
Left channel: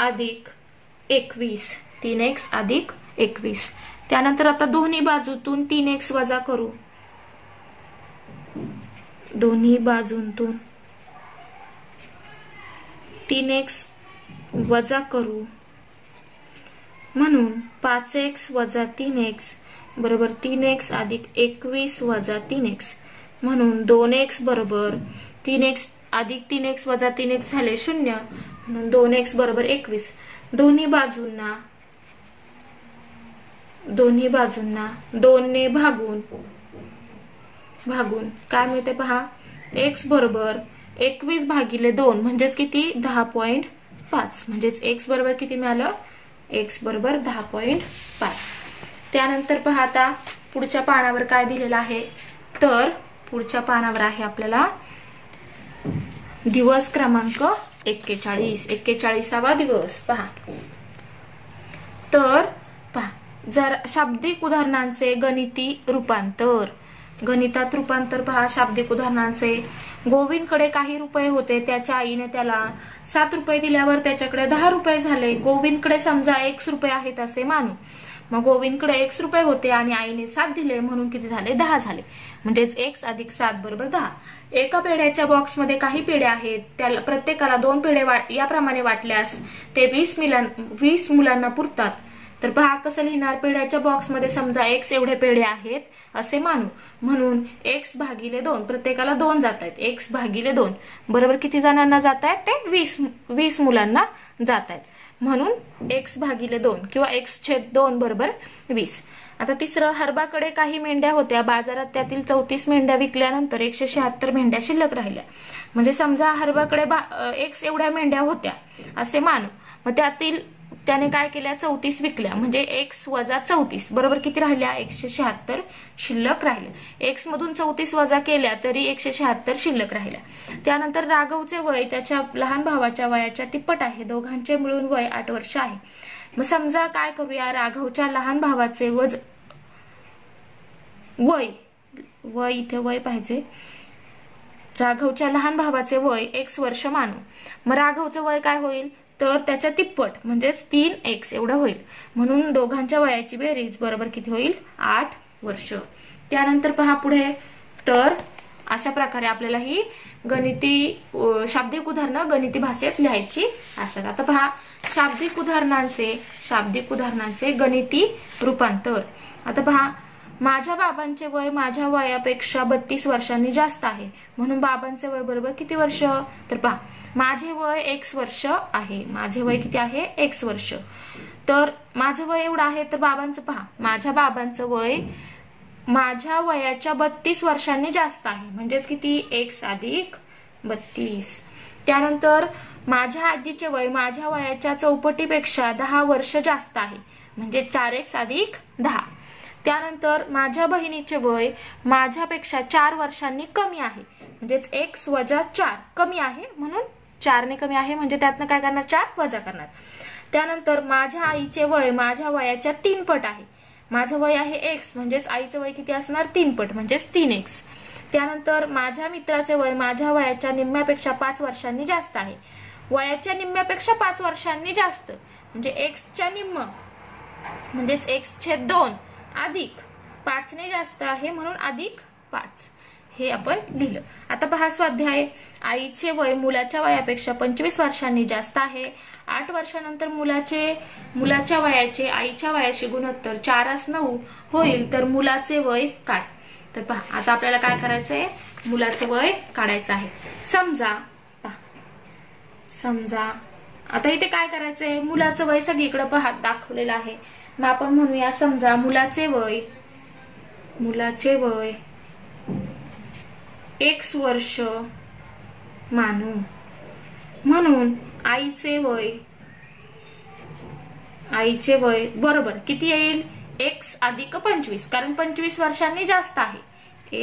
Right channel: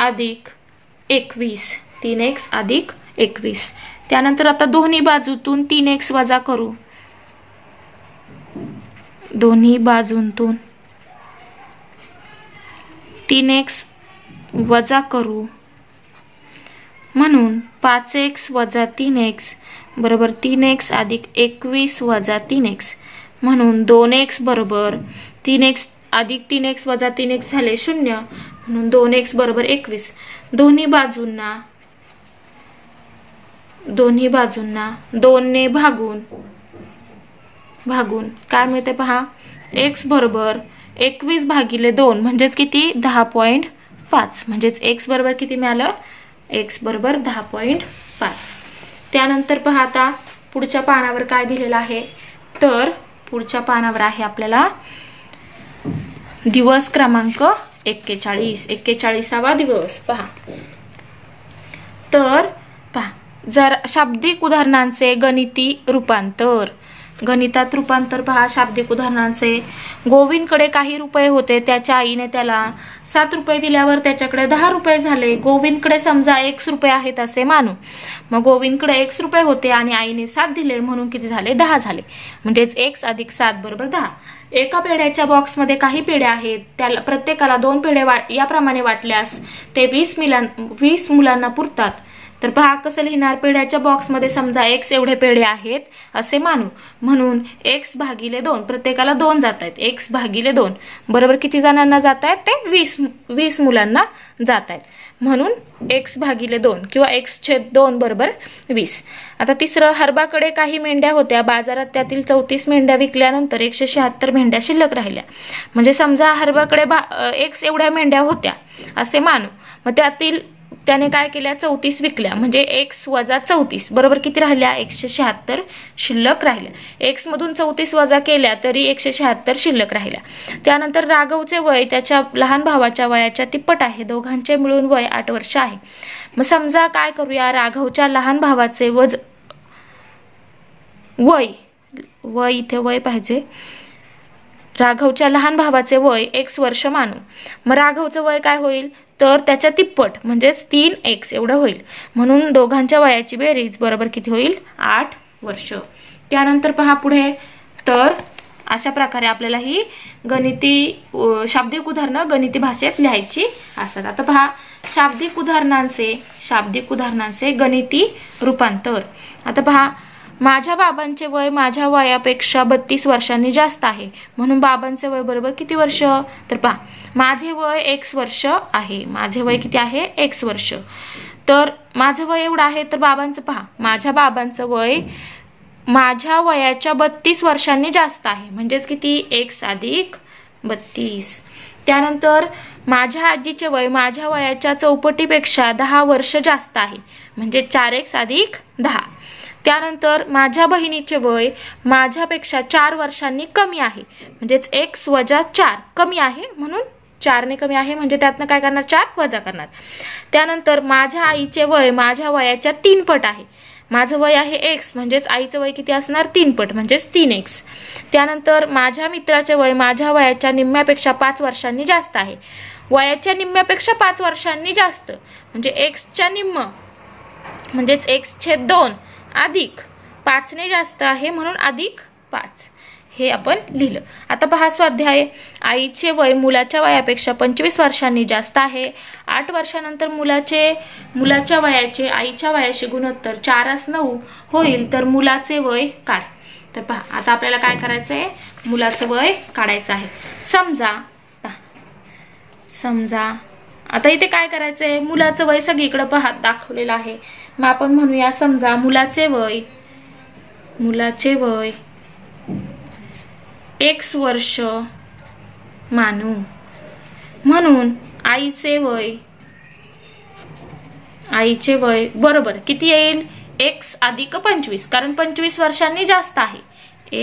अधिक 21, 3x अधिक 21. त्यानंतर आता दोन्ही बाजूतून 3x वजा करू, दोन्ही बाजूंतून 3x वजा करू, म्हणून 5x वजा 3x बरोबर 3x अधिक 21 वजा 3x, म्हणून 2x बरोबर 3x अधिक 3x वजा 3x झाले 0, म्हणून 2x बरोबर 21. दोन्ही बाजूंना 2 ने भागून काय मिळते पहा, x बरोबर 21 भागिले 2 म्हणजेच किती 10.5, म्हणजेच x बरोबर किती मिळालं, x बरोबर 10.5. त्यानंतर पहा आता पुढच्या पानावर काय दिलेलं आहे, तर पुढच्या पानावर आहे आपल्याला दिवस क्रमांक 41वा दिवस. पहा तर पहा, जर शाब्दिक उदाहरणांचे गणिती रूपांतर, गणितात रूपांतर पहा शाब्दिक उदाहरणांचे. गोविंदकडे काही रुपये होते, त्याच्या आईने त्याला 7 रुपये दिल्यावर त्याच्याकडे 10 रुपये झाले. गोविंदकडे समजा x रुपये आहेत असे मानू, मग गोविंदकडे x रुपये होते आणि आईने 7 दिले म्हणून किती झाले, 10 झाले, म्हणजेच x अधिक 7 बरोबर 10. एका पेढ्याच्या बॉक्समध्ये काही पेढे आहेत, त्याला प्रत्येकाला 2 पेढे याप्रमाणे वाटल्यास ते 20 मुलांना पुरतात. तर पहा कसं लिहिणार, पेढ्याच्या बॉक्समध्ये समजा x एवढे पेढे आहेत असे मानू, म्हणून x भागिले 2, प्रत्येकाला 2 जात आहेत, x भागिले 2 बरोबर किती जणांना जात आहेत, ते 20 मुलांना जात आहेत, म्हणून x भागिले 2 किंवा x/2 बरोबर 20. आता तिसरं, हरबाकडे काही मेंढ्या होत्या, बाजारात त्यातील 34 मेंढ्या विकल्यानंतर 176 मेंढ्या शिल्लक राहिल्या. म्हणजे समजा हरबाकडे x एवढ्या मेंढ्या होत्या असे मानू, मग त्याने काय केल्या, 34 विकल्या, म्हणजे x वजा 34 बरोबर किती राहिल्या, 176 शिल्लक राहिल्या. x मधून 34 वजा केल्या तरी 176 शिल्लक राहिल्या. त्यानंतर राघवचे वय त्याच्या लहान भावाच्या वयाच्या तिप्पट आहे, दोघांचे मिळून वय 8 वर्ष आहे. मग समजा काय करूया, राघवच्या लहान भावाचे वय इथे वय पाहिजे, राघवच्या लहान भावाचे वय x वर्ष मानू. मग राघवचं वय काय होईल, तर त्याच्या तिप्पट म्हणजेच 3x एवढं होईल, म्हणून दोघांच्या वयाची बेरीज बरोबर किती होईल, 8 वर्ष. त्यानंतर पहा पुढे, तर अशा प्रकारे आपल्याला ही शाब्दिक उदाहरणं गणिती भाषेत लिहायची असतात. आता पहा शाब्दिक उदाहरणांचे गणिती रूपांतर. आता पहा, माझ्या बाबांचे वय माझ्या वयापेक्षा 32 वर्षांनी जास्त आहे, म्हणून बाबांचे वय बरोबर किती वर्ष, तर पहा माझे वय x वर्ष आहे, माझे वय किती आहे, x वर्ष, तर माझं वय एवढं आहे, तर बाबांचं पहा, माझ्या बाबांचं वय माझ्या वयाच्या 32 वर्षांनी जास्त आहे, म्हणजेच किती, x अधिक 32. त्यानंतर माझ्या आजीचे वय माझ्या वयाच्या चौपटीपेक्षा 10 वर्ष जास्त आहे, म्हणजे 4x अधिक 10. त्यानंतर माझ्या बहिणीचे वय माझ्यापेक्षा 4 वर्षांनी कमी आहे, म्हणजेच x वजा 4 कमी आहे, म्हणून 4 ने कमी आहे, म्हणजे त्यातनं काय करणार 4 वजा करणार. त्यानंतर माझ्या आईचे वय माझ्या वयाच्या 3 पट आहे. माझं वय आहे x, म्हणजेच आईचं वय किती असणार 3 पट, म्हणजेच 3x. त्यानंतर माझ्या मित्राचे वय माझ्या वयाच्या निम्म्यापेक्षा 5 वर्षांनी जास्त आहे. वयाच्या निम्म्यापेक्षा 5 वर्षांनी जास्त म्हणजे x च्या निम्म, म्हणजेच x/2 अधिक 5 ने जास्त आहे, म्हणून अधिक 5 हे आपण लिहिलं. आता पहा स्वाध्याय. आईचे वय मुलाच्या वयापेक्षा 25 वर्षांनी जास्त आहे. 8 वर्षानंतर मुलाच्या वयाचे आईच्या वयाशी गुणोत्तर 4:9 होईल, तर मुलाचे वय काढ. तर पहा आता आपल्याला काय करायचंय, मुलाचं वय काढायचं आहे. समजा आता इथे काय करायचंय, मुलाचं वय सगळीकडे पहा दाखवलेलं आहे. मग आपण म्हणूया समजा मुलाचे वय x वर्ष मानू, म्हणून आईचे वय बरोबर किती येईल x अधिक 25, कारण 25 वर्षांनी जास्त आहे,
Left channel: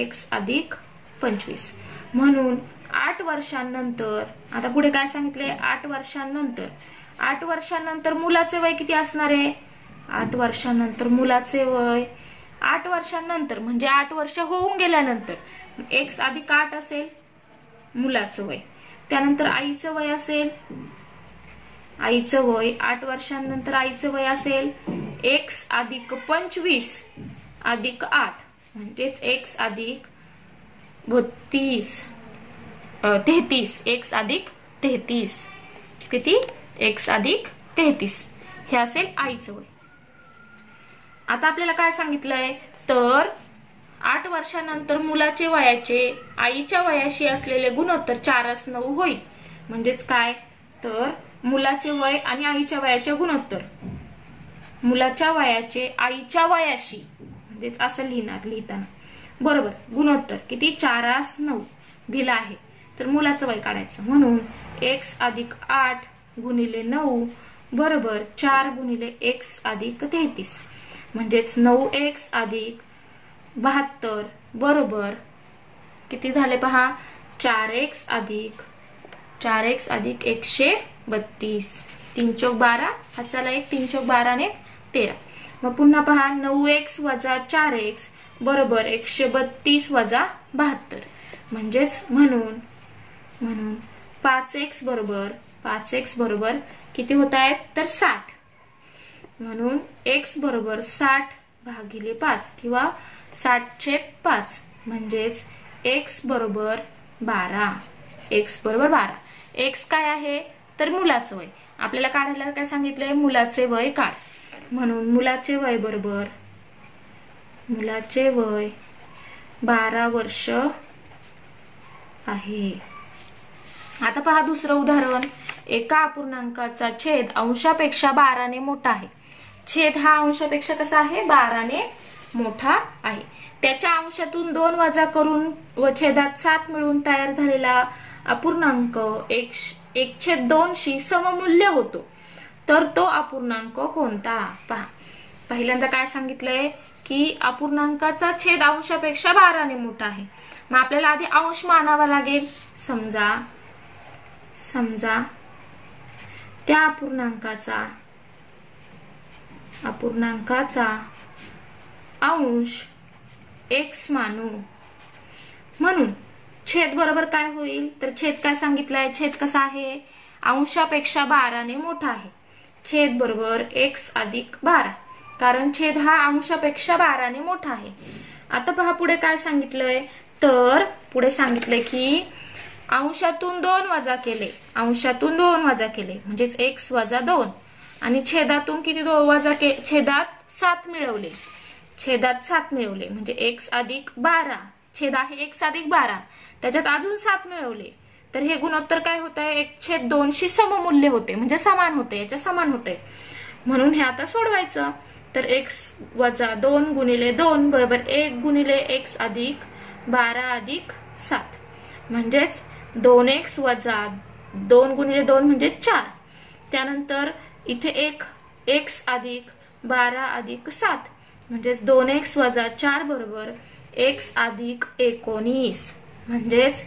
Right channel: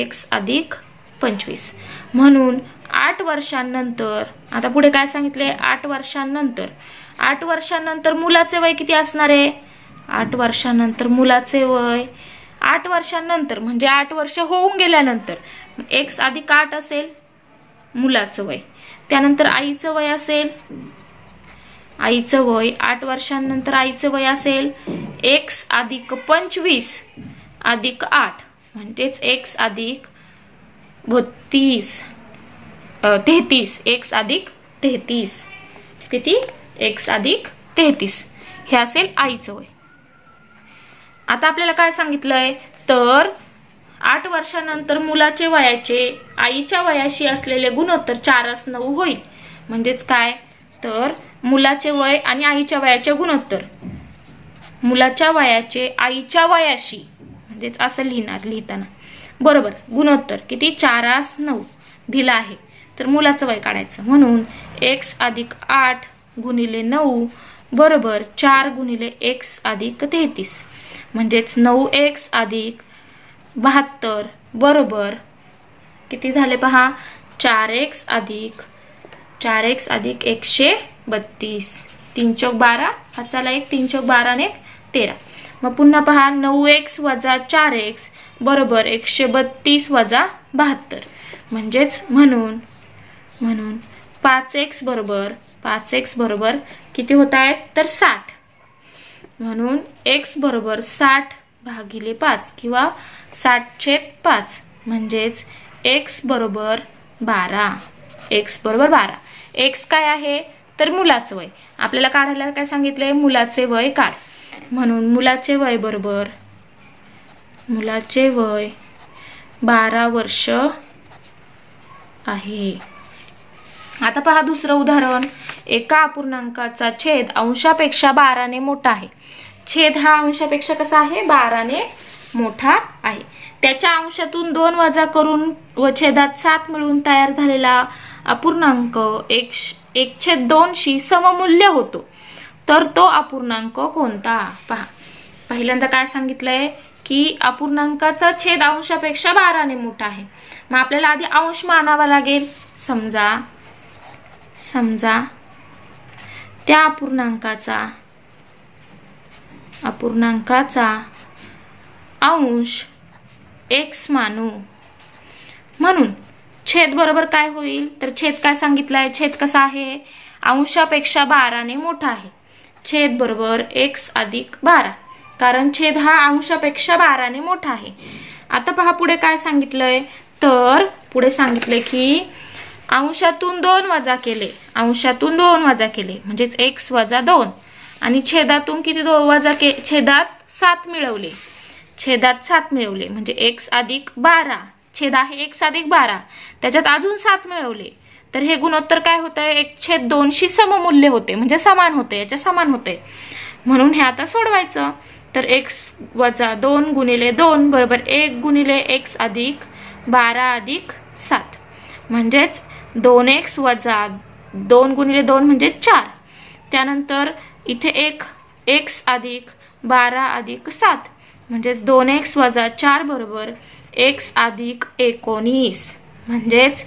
x अधिक 25. म्हणून 8 वर्षांनंतर, आता पुढे काय सांगितले 8 वर्षांनंतर मुलाचे वय किती असणार आहे, 8 वर्षांनंतर मुलाचे वय 8 वर्षांनंतर म्हणजे 8 वर्ष होऊन गेल्यानंतर x अधिक 8 असेल मुलाचं वय. त्यानंतर आईचं वय असेल, 8 वर्षांनंतर आईचं वय असेल x अधिक 25 अधिक 8, म्हणजेच x अधिक 33, x अधिक 33, किती x अधिक 33 हे असेल आईचं वय. आता आपल्याला काय सांगितलंय, तर 8 वर्षानंतर मुलाचे वयाचे आईच्या वयाशी असलेले गुणोत्तर 4:9 होईल, म्हणजेच काय, तर मुलाचे वय आणि आईच्या वयाचे गुणोत्तर, मुलाच्या वयाचे आईच्या वयाशी, म्हणजेच असं लिहिताना बरोबर गुणोत्तर किती 4:9 दिला आहे, तर मुलाचं वय काढायचं. म्हणून x अधिक 8 गुणिले 9 बरोबर 4 गुणिले x अधिक 33, म्हणजेच 9x अधिक 72 बरोबर किती झाले पहा 4x अधिक 132. 3 चौक 12, हाताला 1, 3 चौक 12 ने 13. मग पुन्हा पहा 9x वजा 4x बरोबर 132 वजा 72, म्हणजेच म्हणून 5x बरोबर किती होत आहेत तर 60. म्हणून x बरोबर 60 भागिले 5 किंवा 60/5, म्हणजेच x बरोबर 12. x काय आहे तर मुलाचं वय. आपल्याला काढायला काय सांगितलंय, मुलाचे वय काढ. म्हणून मुलाचे वय 12 वर्ष आहे. आता पहा दुसरं उदाहरण. एका अपूर्णांकाचा छेद अंशापेक्षा 12 ने मोठा आहे. छेद हा अंशापेक्षा कसा आहे 12 ने मोठा आहे. त्याच्या अंशातून 2 वजा करून व छेदात 7 मिळून तयार झालेला अपूर्णांक 1/2 शी सममूल्य होतो, तर तो अपूर्णांक कोणता. पहा पहिल्यांदा काय सांगितलंय की अपूर्णांकाचा छेद अंशापेक्षा 12 ने मोठा आहे. मग आपल्याला आधी अंश मानावा लागेल. समजा त्या अपूर्णांकाचा अंश x मानू. म्हणून छेद बरोबर काय होईल तर छेद काय सांगितलंय, छेद कसा आहे अंशापेक्षा 12 ने मोठा आहे. छेद बरोबर x अधिक 12, कारण छेद हा अंशापेक्षा 12 ने मोठा आहे. आता पहा पुढे काय सांगितलंय, तर पुढे सांगितलंय की अंशातून 2 वजा केले म्हणजेच x वजा 2 आणि छेदातून किती वजा केले, छेदात 7 मिळवले म्हणजे x अधिक 12. छेद आहे x अधिक 12, त्याच्यात अजून 7 मिळवले तर हे गुणोत्तर काय होतंय 1/2 शी सममूल्य होते, म्हणजे समान होते, याच्या समान होते. म्हणून हे आता सोडवायचं. तर x वजा 2 गुणिले 2 बरोबर 1 गुणिले x अधिक 12 अधिक 7, म्हणजेच 2x वजा 2 गुणिले 2 म्हणजे 4. त्यानंतर इथे एक x अधिक 12 अधिक 7 म्हणजेच 2x वजा 4 बरोबर x अधिक 19 म्हणजेच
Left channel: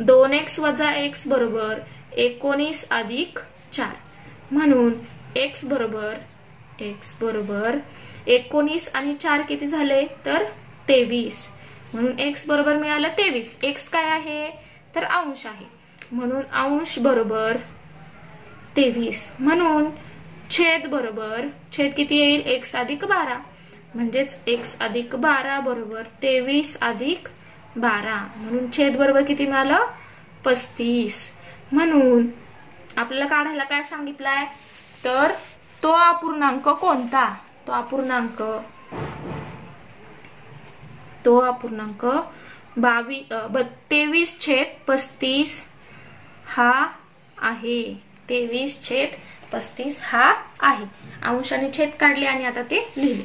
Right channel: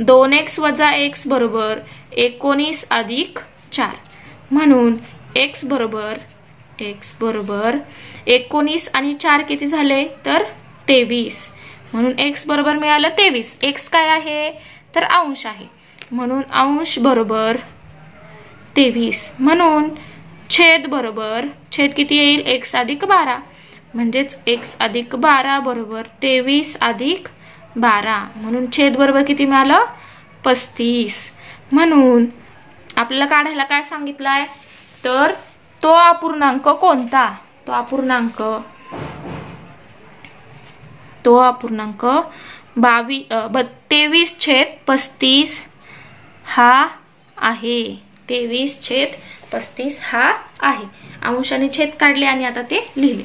2x वजा x बरोबर 19 अधिक 4 म्हणून x बरोबर 19 आणि 4 किती झाले तर 23 म्हणून x बरोबर मिळालं 23. x काय आहे तर अंश आहे म्हणून अंश बरोबर 23 म्हणून छेद बरोबर छेद किती येईल x अधिक 12 म्हणजेच x अधिक 12 बरोबर 23 अधिक 12 म्हणून छेद बरोबर किती मिळालं 35. म्हणून आपल्याला काढायला काय सांगितलंय तर तो अपूर्णांक कोणता तो अपूर्णांक 23/35 हा आहे. 23/35 हा आहे. अंशाने छेद काढले आणि आता ते लिहिले.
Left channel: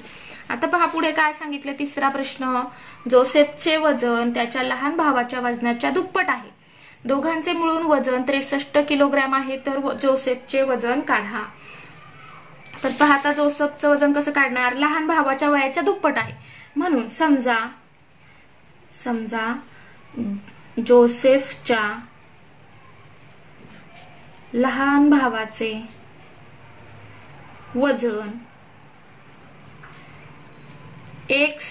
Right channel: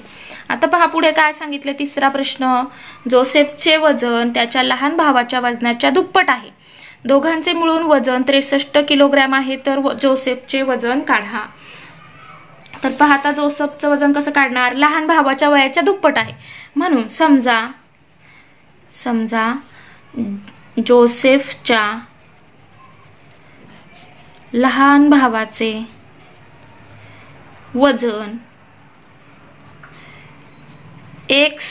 आता पहा पुढे काय सांगितले. तिसरा प्रश्न जोसेफचे वजन त्याच्या लहान भावाच्या वजनाच्या दुप्पट आहे. दोघांचे मिळून वजन 63 किलोग्रॅम आहे तर जोसेफचे वजन काढा. तर पहा आता जोसेफचं वजन कसं काढणार लहान भावाच्या वयाच्या दुप्पट आहे म्हणून समजा जोसेफच्या लहान भावाचे वजन x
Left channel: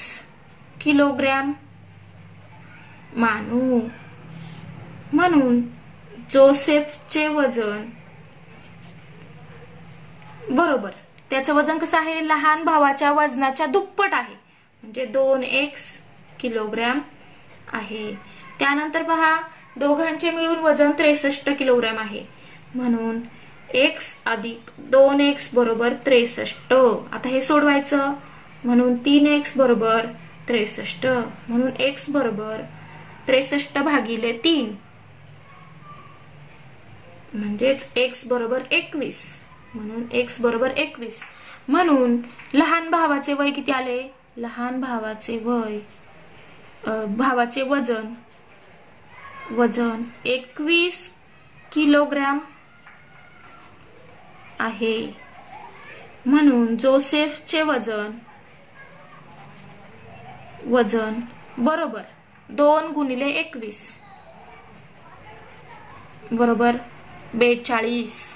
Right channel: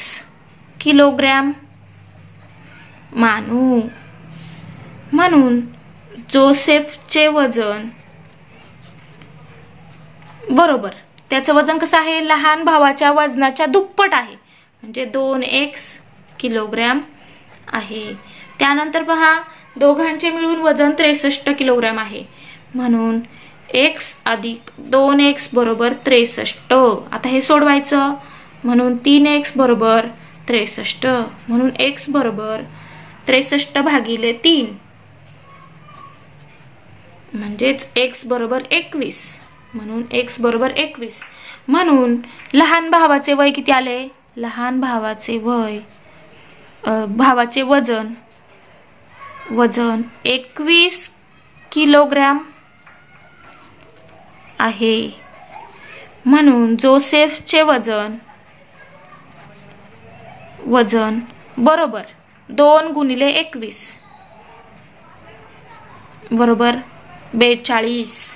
किलोग्रॅम मानू म्हणून जोसेफचे वजन बरोबर त्याचं वजन कसं आहे लहान भावाच्या वजनाच्या दुप्पट आहे म्हणजे 2x किलोग्रॅम आहे. त्यानंतर पहा दोघांचे मिळून वजन 63 किलोग्रॅम आहे म्हणून x अधिक 2x बरोबर 63. आता हे सोडवायचं म्हणून 3x बरोबर 63 म्हणून x बरोबर 63 भागिले 3 म्हणजेच x बरोबर 21 म्हणून x बरोबर 21 म्हणून लहान भावाचे वय किती आले लहान भावाचे वजन 21 किलोग्रॅम आहे म्हणून जोसेफचे वजन बरोबर 2 गुणिले 21 बरोबर 42.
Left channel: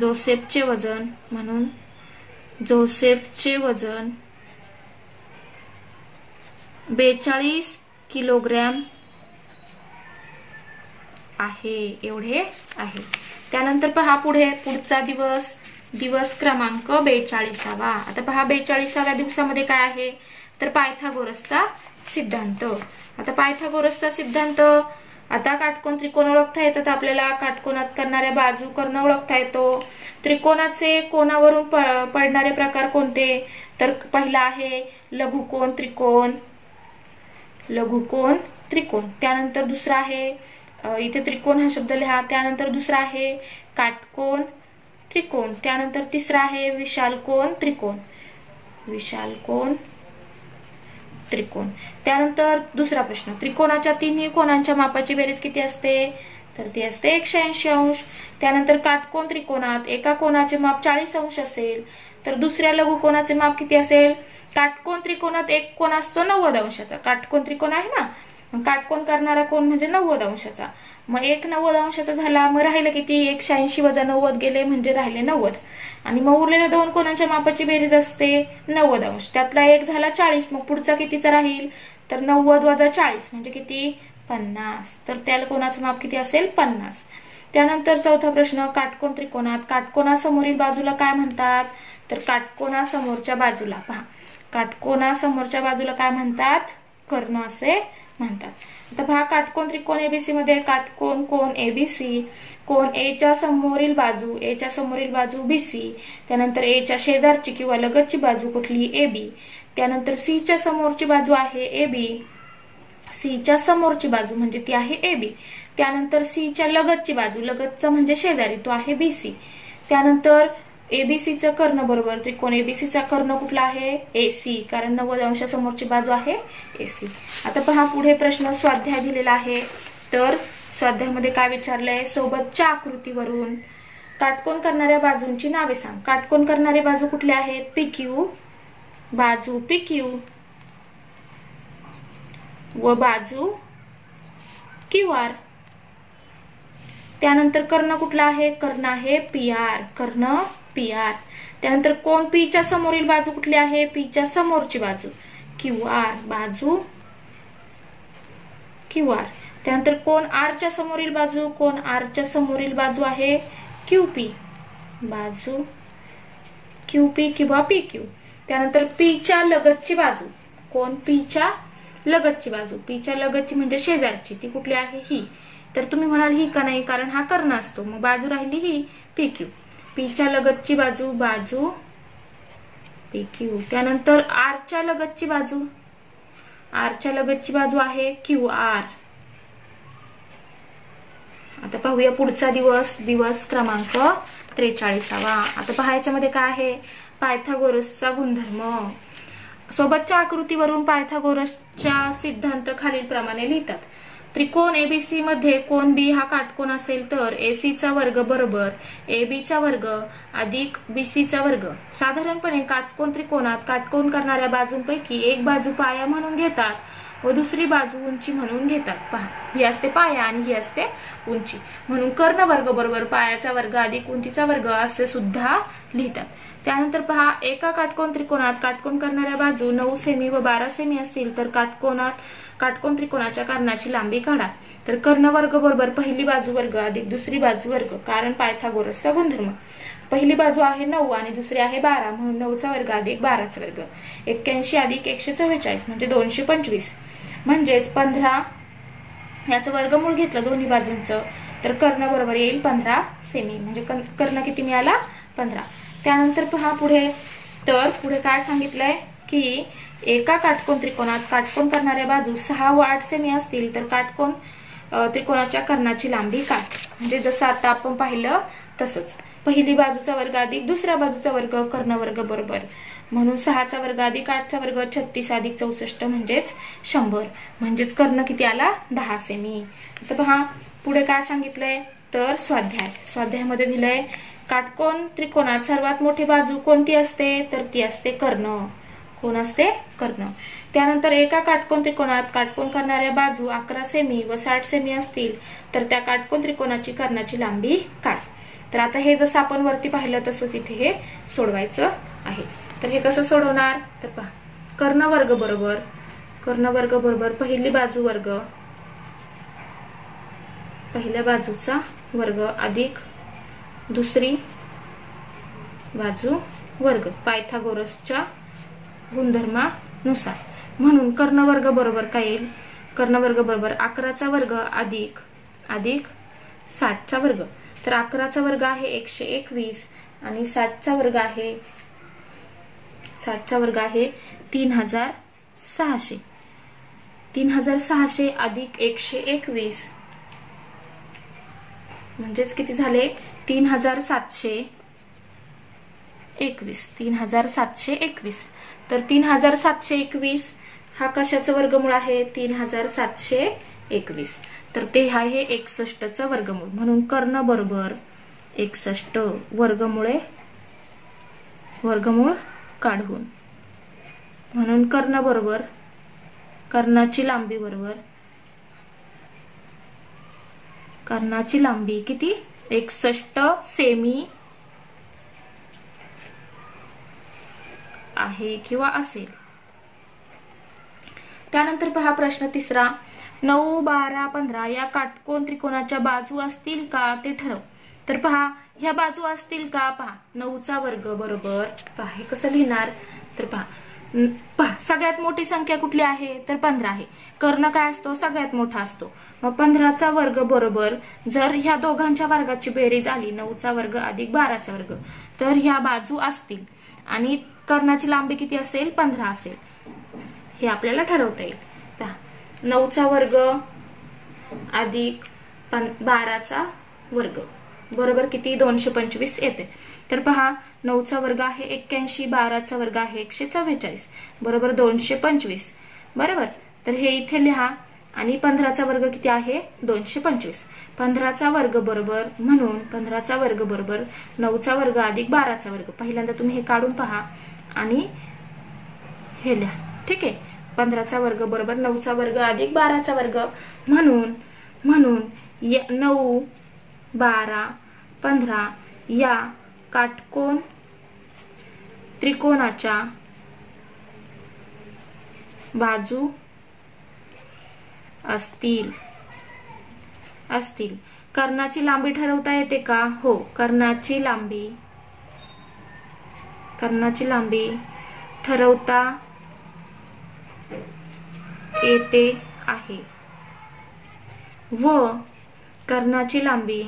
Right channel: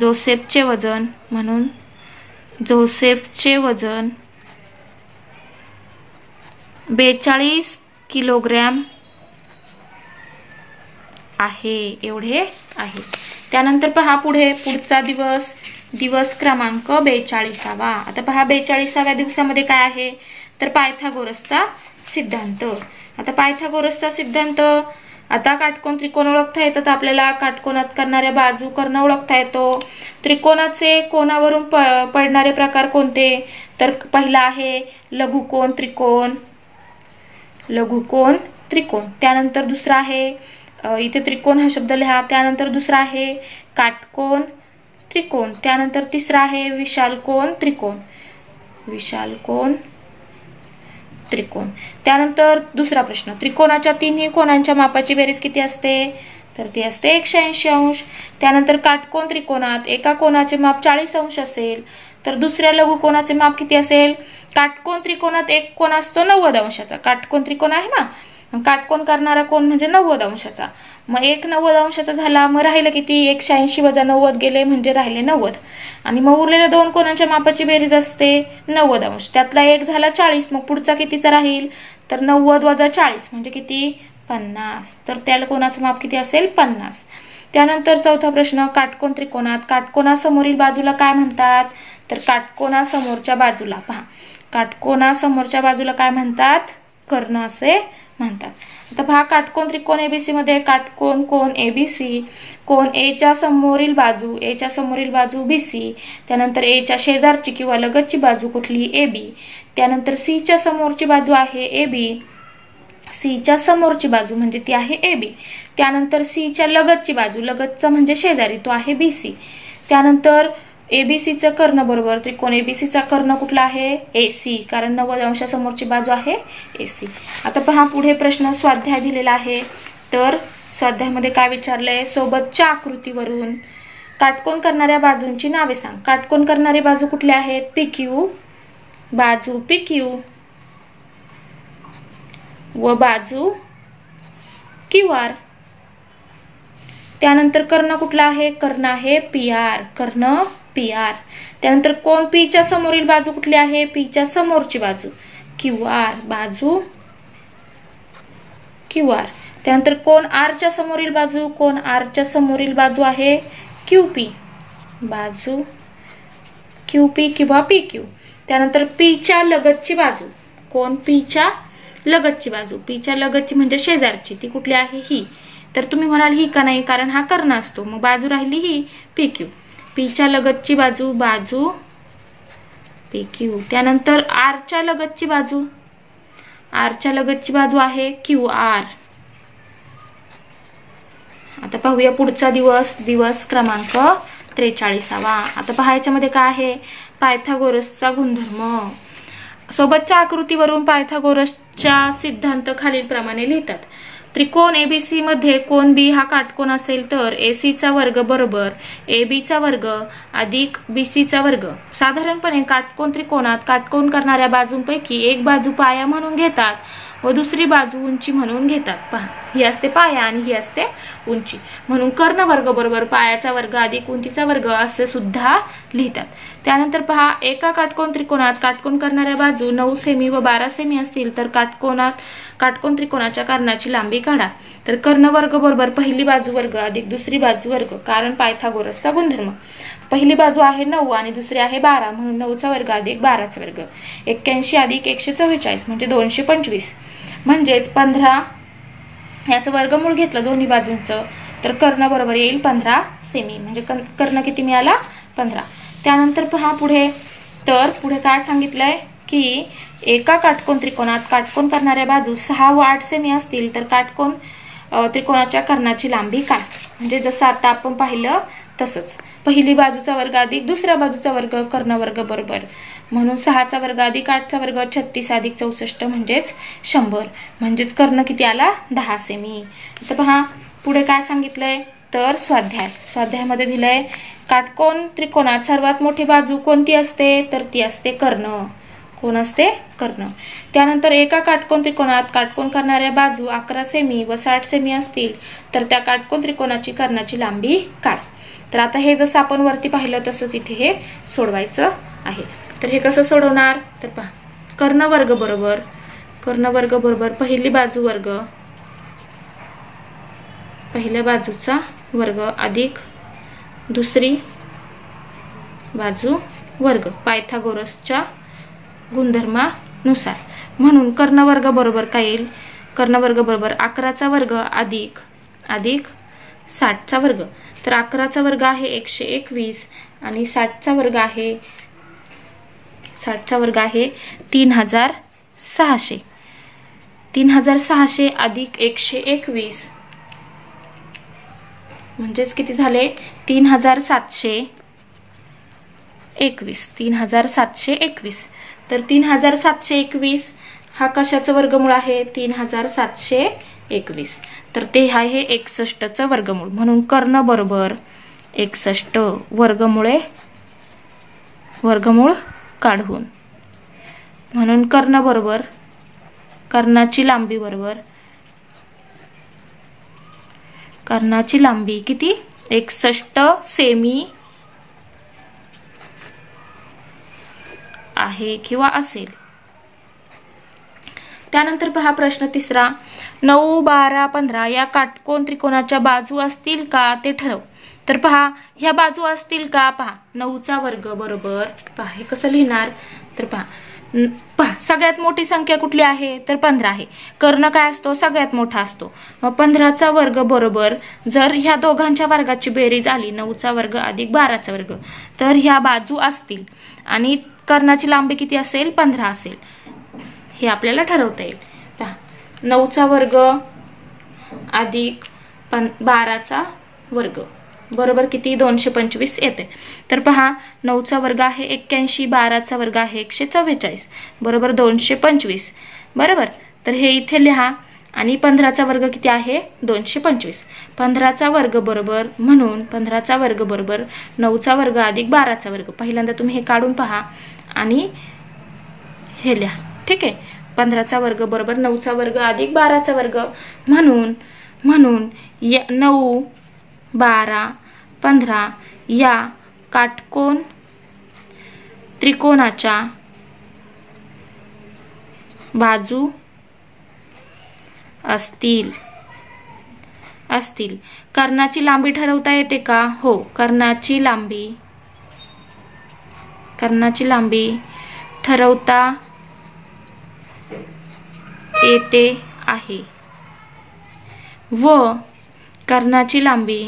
जोसेफचे वजन म्हणून जोसेफचे वजन 42 किलोग्रॅम आहे एवढे आहे. त्यानंतर पहा पुढचा दिवस क्रमांक 42. आता पहा 42व्या दिवसामध्ये काय आहे तर पायथागोरसचा सिद्धांत. आता पायथागोरसचा सिद्धांत आता काटकोन त्रिकोण ओळखता येतात आपल्याला. काटकोनात करणाऱ्या बाजू कर्ण ओळखता येतो. त्रिकोणाचे कोणावरून पडणारे प्रकार कोणते तर पहिला आहे लघुकोन त्रिकोण. त्यानंतर दुसरा आहे इथे त्रिकोण हा शब्द लिहा. त्यानंतर दुसरा आहे काटकोन त्रिकोण. त्यानंतर तिसरा आहे विशालकोन त्रिकोण. त्यानंतर दुसरा प्रश्न त्रिकोणाच्या तिन्ही कोणांच्या मापाची बेरीज किती असते तर ती असते 180 अंश. त्यानंतर काटकोन त्रिकोणात एका कोणाचे माप 40 अंश असेल तर दुसऱ्या लघुकोनाचे माप किती असेल. काटकोन त्रिकोणात एक कोण असतो 90 अंशाचा. काटकोन त्रिकोण आहे ना काटकोन करणारा कोण म्हणजे 90 अंशाचा. मग एक 90 अंशाचा झाला मग राहिलं किती 180 वजा 90 गेले म्हणजे राहिले 90 आणि मग उरलेल्या दोन कोणांच्या मापाची बेरीज असते 90 अंश. त्यातला एक झाला 40 मग पुढचा कितीचा राहील तर 90 वजा 40 म्हणजे किती 50. तर त्याला कोणाचं माप किती असेल 50. त्यानंतर चौथा प्रश्न काटकोन त्रिकोणात काटकोनासमोरील बाजूला काय म्हणतात तर काटकोनासमोरच्या बाजूला पहा काटकोनासमोरच्या बाजूला काय म्हणतात कर्ण असे म्हणतात. आता पहा काटकोन त्रिकोण एबीसी मध्ये काटकोन कोण एबीसी कोण ए च्या समोरील बाजू बीसी. त्यानंतर ए च्या शेजारची किंवा लगतची बाजू कुठली एबी. त्यानंतर सी च्या समोरची बाजू आहे एबी. सी च्या समोरची बाजू म्हणजे ती आहे एबी. त्यानंतर सी च्या लगतची बाजू लगतचा म्हणजे शेजारी तो आहे बीसी. त्यानंतर एबीसीचा कर्ण बरोबर त्रिकोण एबीसीचा कर्ण कुठला आहे एसी कारण 90 अंशासमोरची बाजू आहे एसी. आता पहा पुढे प्रश्न स्वाध्याय दिलेला आहे. तर स्वाध्यायामध्ये काय विचारलंय, सोबतच्या आकृतीवरून काटकोन करणाऱ्या बाजूंची नावे सांग. काटकोन करणारी बाजू कुठल्या आहेत, PQ, बाजू PQ व बाजू QR. त्यानंतर कर्ण कुठला आहे, कर्ण आहे PR, कर्ण PR. त्यानंतर कोण P च्या समोरील बाजू कुठली आहे, P च्या समोरची बाजू QR, बाजू QR. त्यानंतर कोण R च्या समोरील बाजू, कोण R च्या समोरील बाजू आहे QP, बाजू QP किंवा PQ. त्यानंतर P च्या लगतची बाजू, कोण P च्या लगतची बाजू, P च्या लगतची म्हणजे शेजारची, ती कुठली आहे, ही. तर तुम्ही म्हणाल ही का नाही, कारण हा कर्ण असतो, मग बाजू राहिली ही PQ. P च्या लगतची बाजू, बाजू PQ. त्यानंतर R च्या लगतची बाजू, R च्या लगतची बाजू आहे QR. आता पाहूया पुढचा दिवस, दिवस क्रमांक 43. आता पहा याच्यामध्ये काय आहे, पायथागोरसचा गुणधर्म. सोबतच्या आकृतीवरून पायथागोरसचा सिद्धांत खालील प्रमाणे लिहितात. त्रिकोण ABC मध्ये कोण B हा काटकोन असेल तर AC चा वर्ग बरोबर AB चा वर्ग अधिक BC चा वर्ग. साधारणपणे काटकोन त्रिकोणात काटकोन करणाऱ्या बाजूंपैकी एक बाजू पाया म्हणून घेतात व दुसरी बाजू उंची म्हणून घेतात. पहा, ही असते पाया आणि ही असते उंची, म्हणून कर्ण वर्ग बरोबर पायाचा वर्ग अधिक उंचीचा वर्ग असे सुद्धा लिहितात. त्यानंतर पहा, एका काटकोन त्रिकोणात काटकोन करणाऱ्या बाजू 9 सेमी व 12 सेमी असतील तर काटकोन त्रिकोणाच्या कर्णाची लांबी काढा. तर कर्ण वर्ग बरोबर पहिली बाजू वर्ग अधिक दुसरी बाजू वर्ग, कारण पायथागोरसचा गुणधर्म. पहिली बाजू आहे 9 आणि दुसरी आहे 12, म्हणून 9चा वर्ग अधिक 12चा वर्ग. 81 अधिक 144 म्हणजे 225, म्हणजेच 15. याचं वर्गमूळ घेतलं दोन्ही बाजूंचं तर कर्ण बरोबर येईल 15 सेमी, म्हणजे कर्ण किती मिळाला, 15. त्यानंतर पहा पुढे, तर पुढे काय सांगितलंय की एका काटकोन त्रिकोणात काटकोन करणाऱ्या बाजू 6 व 8 सेमी असतील तर काटकोन त्रिकोणाच्या कर्णाची लांबी काय. म्हणजे जसं आता आपण पाहिलं तसंच, पहिली बाजूचा वर्ग अधिक दुसऱ्या बाजूचा वर्ग कर्ण वर्ग बरोबर, म्हणून 6चा वर्ग अधिक 8चा वर्ग 36 अधिक 64 म्हणजेच 100, म्हणजेच कर्ण किती आला, 10 सेमी. तर पहा पुढे काय सांगितलंय, तर स्वाध्यायामध्ये दिलंय काटकोन त्रिकोणात सर्वात मोठी बाजू कोणती असते, तर ती असते कर्ण. कोण असते, कर्ण. त्यानंतर एका काटकोन त्रिकोणात काटकोन करणाऱ्या बाजू 11 सेमी व 60 सेमी असतील तर त्या काटकोन त्रिकोणाची कर्णाची लांबी काढ. तर आता हे जसं आपण वरती पाहिलं तसंच इथे हे सोडवायचं आहे. तर हे कसं सोडवणार, तर पहा, कर्ण वर्ग बरोबर पहिली बाजू वर्ग, पहिल्या बाजूचा वर्ग अधिक दुसरी बाजू वर्ग पायथागोरसच्या गुणधर्मानुसार. म्हणून कर्ण वर्ग बरोबर काय येईल, कर्ण वर्ग बरोबर 11चा वर्ग अधिक 60चा वर्ग. तर 11चा वर्ग आहे 121 आणि 60चा वर्ग आहे 3600. 3600 अधिक 121 म्हणजेच किती झाले, 3721. तर 3721 हा कशाचं वर्गमूळ आहे, 3721. तर ते आहे 61चं वर्गमूळ, म्हणून कर्ण बरोबर 61 वर्गमूळ काढून, म्हणून कर्ण बरोबर कर्णाची लांबी बरोबर कर्णाची लांबी किती, 61 सेमी आहे किंवा असेल. त्यानंतर पहा प्रश्न 3, 9, 12, 15 या काटकोन त्रिकोणाच्या बाजू असतील का ते ठरव. तर पहा ह्या बाजू असतील का, पहा 9चा वर्ग बरोबर, पहा हे कसं लिहिणार, तर पहा सगळ्यात मोठी संख्या कुठली आहे, तर 15 आहे. कर्ण काय असतो, सगळ्यात मोठा असतो. मग 15चा वर्ग बरोबर जर ह्या दोघांच्या वर्गाची बेरीज आली 9चा वर्ग अधिक 12चा वर्ग तर ह्या बाजू असतील आणि कर्णाची लांबी किती असेल, 15 असेल. हे आपल्याला ठरवता येईल. पहा 9चा वर्ग अधिक 12चा वर्ग बरोबर किती, 225 येते. तर पहा 9चा वर्ग आहे 81, 12चा वर्ग आहे 144 बरोबर 225 बरोबर. तर हे इथे लिहा आणि 15चा वर्ग किती आहे 225. 15चा वर्ग बरोबर म्हणून 15चा वर्ग बरोबर 9चा वर्ग अधिक 12चा वर्ग. पहिल्यांदा तुम्ही हे काढून पहा आणि हे लिहा. ठीक आहे. 15चा वर्ग बरोबर 9चा वर्ग अधिक 12चा वर्ग म्हणून 9, 12, 15 या काटकोन त्रिकोणाच्या बाजू असतील. कर्णाची लांबी ठरवता येते का? हो, कर्णाची लांबी ठरवता येते आहे व कर्णाची लांबी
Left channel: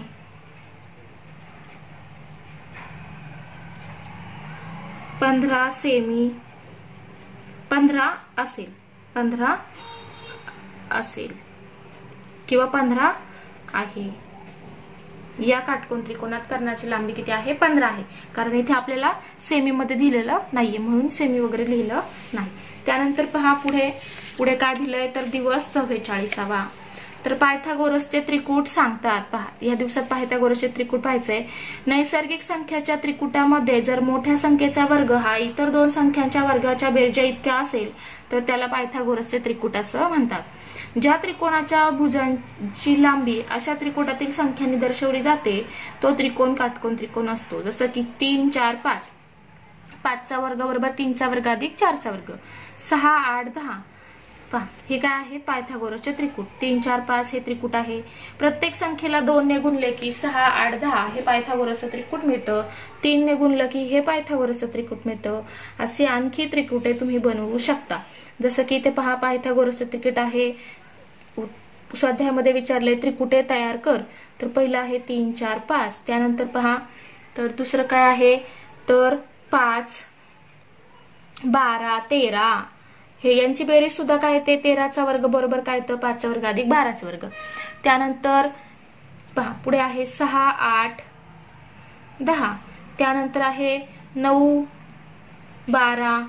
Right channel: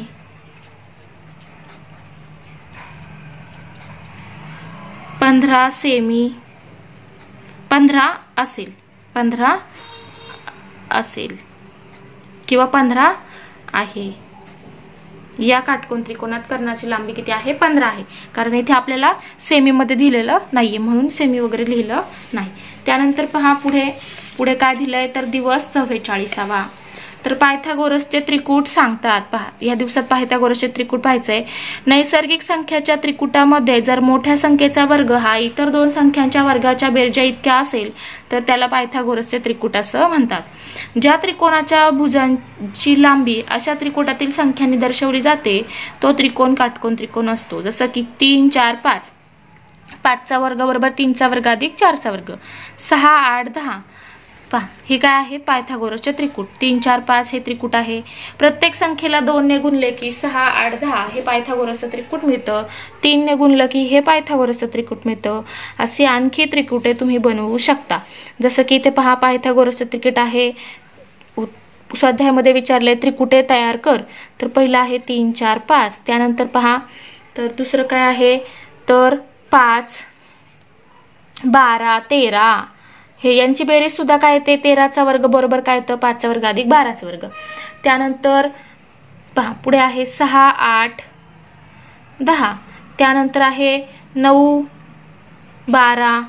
15 सेमी 15 असेल किंवा 15 आहे. या काटकोन त्रिकोणात कर्णाची लांबी किती आहे 15 आहे. कारण इथे आपल्याला सेमी मध्ये दिलेलं नाहीये म्हणून सेमी वगैरे लिहिलं नाही. त्यानंतर पहा पुढे काय दिलंय तर दिवस 44वा. तर पायथागोरसचे त्रिकूट सांगतात. पहा या दिवसात पायथागोरसचे त्रिकूट पाहायचंय. नैसर्गिक संख्याच्या त्रिकुटामध्ये जर मोठ्या संख्येचा वर्ग हा इतर दोन संख्यांच्या वर्गाच्या बेरजा इतका असेल तर त्याला पायथागोरसचे त्रिकूट असं म्हणतात. ज्या त्रिकोणाच्या भुजांची लांबी अशा त्रिकुटातील संख्यांनी दर्शवली जाते तो त्रिकोण काटकोन त्रिकोण असतो. जसं की 3, 4, 5. 5चा वर्ग बरोबर 3चा वर्ग अधिक 4चा वर्ग. 6, 8, 10. पहा हे काय आहे पायथागोरसचे त्रिकूट. 3, 4, 5 हे त्रिकूट आहे. प्रत्येक संख्येला 2 ने गुणले की 6, 8, 10 हे पायथागोरसचं त्रिकूट मिळतं. 3 ने गुणलं की हे पायथागोरसचं त्रिकूट मिळतं. असे आणखी त्रिकुटे तुम्ही बनवू शकता. जसं की इथे पहा पायथागोरसचं त्रिकूट आहे. स्वाध्यायामध्ये विचारले त्रिकुटे तयार कर. तर पहिलं आहे 3, 4, 5. त्यानंतर पहा तर दुसरं काय आहे तर 5, 12, 13 हे यांची बेरीज सुद्धा काय येते 13चा वर्ग बरोबर काय येतं 5चा वर्ग अधिक 12चा वर्ग. त्यानंतर पहा पुढे आहे 6, 8, 10. त्यानंतर आहे 9, 12,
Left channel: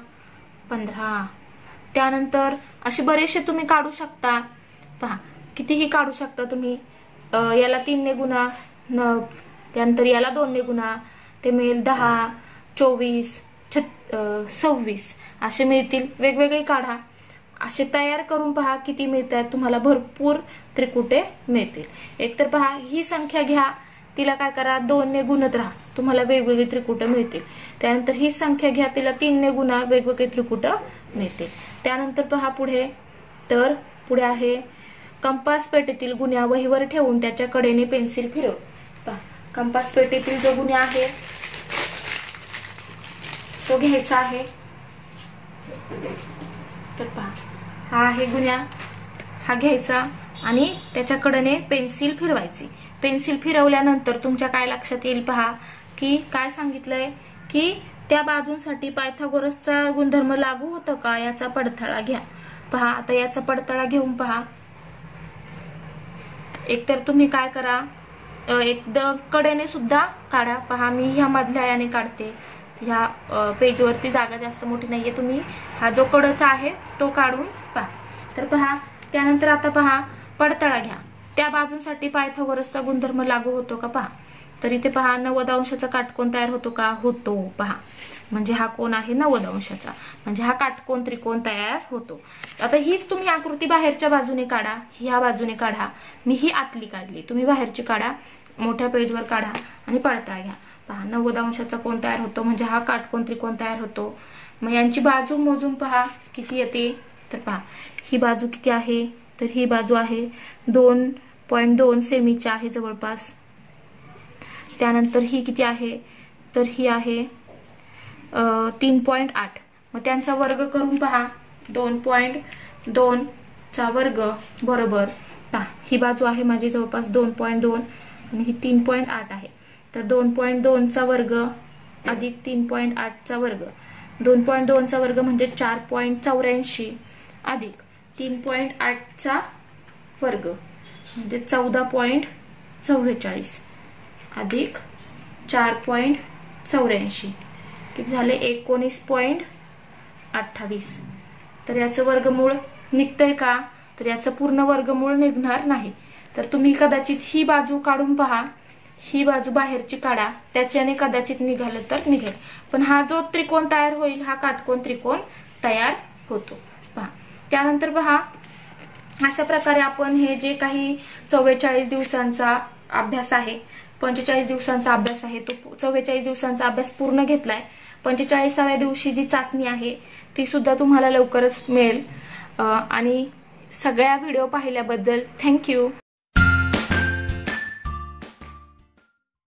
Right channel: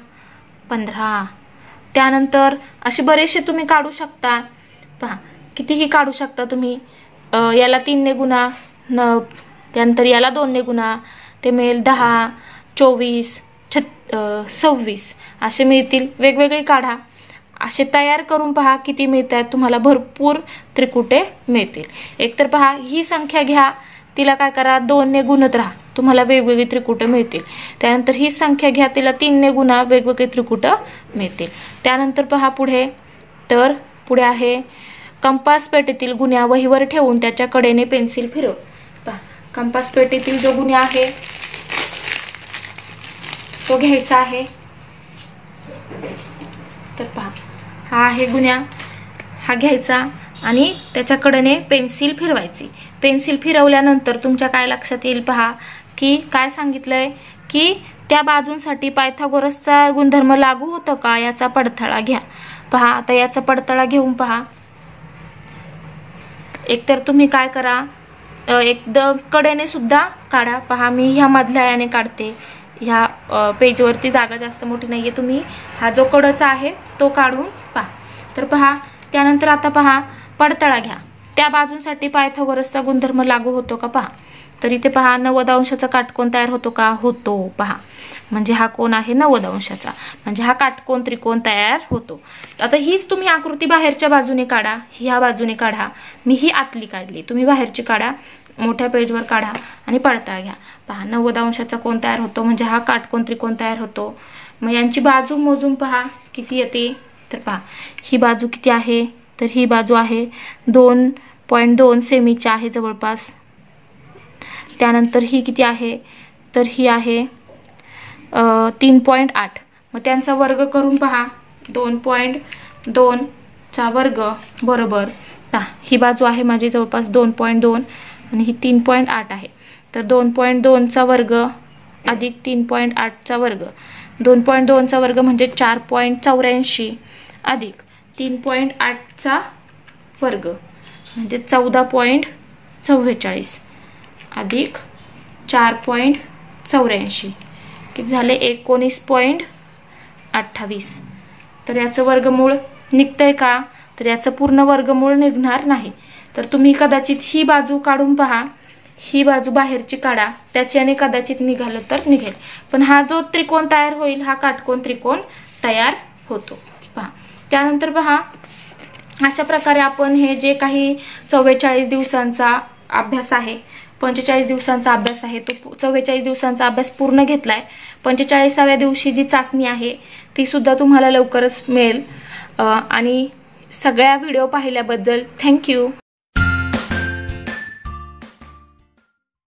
15. त्यानंतर असे बरेचसे तुम्ही काढू शकता. पहा कितीही काढू शकता तुम्ही. याला 3 ने गुणा, त्यानंतर याला 2 ने गुणा, ते मिळेल 10, 24, 26 असे मिळतील. वेगवेगळे काढा. असे तयार करून पहा किती मिळतात. तुम्हाला भरपूर त्रिकुटे मिळतील. एकतर पहा ही संख्या घ्या, तिला काय करा 2 ने गुणत राहा, तुम्हाला वेगवेगळी त्रिकुटे मिळतील. त्यानंतर ही संख्या घ्या, तिला 3 ने गुणा, वेगवेगळे त्रिकुटे मिळतील. त्यानंतर पहा पुढे आहे कंपास पेटीतील गुन्हा वहीवर ठेवून त्याच्या कडेने पेन्सिल फिरव. पहा कंपास पेटीतील जो गुन्हा आहे तो घ्यायचा आहे. तर पहा हा आहे गुन्हा, हा घ्यायचा आणि त्याच्या कडेने पेन्सिल फिरवायची. पेन्सिल फिरवल्यानंतर तुमच्या काय लक्षात येईल पहा की काय सांगितलंय की त्या बाजूंसाठी पायथागोरसचा गुणधर्म लागू होतो का याचा पडताळा घ्या. पहा आता याचा पडताळा घेऊन पहा. एकतर तुम्ही काय करा एकदम कडेने सुद्धा काढा. पहा मी ह्या मधल्या याने काढते. ह्या पेजवरती जागा जास्त मोठी नाहीये. तुम्ही हा जो कडचा आहे तो काढून पहा. तर पहा त्यानंतर आता पहा पडताळा घ्या. त्या बाजूंसाठी पायथागोरसचा गुणधर्म लागू होतो का पहा. तर इथे पहा 90 अंशाचा काटकोन तयार होतो का होतो. पहा म्हणजे हा कोण आहे 90 अंशाचा, म्हणजे हा काटकोन त्रिकोण तयार होतो. आता हीच तुम्ही आकृती बाहेरच्या बाजूने काढा, ह्या बाजूने काढा. मी ही आतली काढली, तुम्ही बाहेरची काढा, मोठ्या पेजवर काढा आणि पडताळा घ्या. पहा 90 अंशाचा कोण तयार होतो म्हणजे हा काटकोन त्रिकोण तयार होतो. मग यांची बाजू मोजून पहा किती येते. तर पहा ही बाजू किती आहे तर ही बाजू आहे 2.2 सेमीची आहे जवळपास. त्यानंतर ही किती आहे तर ही आहे 3.8. मग त्यांचा वर्ग करून पहा 2.2 चा वर्ग बरोबर ही बाजू आहे माझी जवळपास 2.2 आणि ही 3.8 आहे. तर 2.2 चा वर्ग अधिक 3.8 चा वर्ग. 2.2 चा वर्ग म्हणजे 4.84 अधिक 3.8 चा वर्ग म्हणजे 14.44 अधिक 4.84 किती झाले 19.28. तर याचं वर्गमूळ निघतंय का तर याचं पूर्ण वर्गमूळ निघणार नाही. तर तुम्ही कदाचित ही बाजू काढून पहा, ही बाजू बाहेरची काढा, त्याच्याने कदाचित निघालं तर निघेल. पण हा जो त्रिकोण तयार होईल हा काटकोन त्रिकोण तयार होतो. पहा त्यानंतर पहा अशा प्रकारे आपण हे जे काही 44 दिवसांचा अभ्यास आहे, 45 दिवसांचा अभ्यास आहे, तो 44 दिवसांचा अभ्यास पूर्ण घेतलाय. 45व्या दिवशी जी चाचणी आहे ती सुद्धा तुम्हाला लवकरच मिळेल. आणि सगळ्या व्हिडिओ पाहिल्याबद्दल थँक्यू.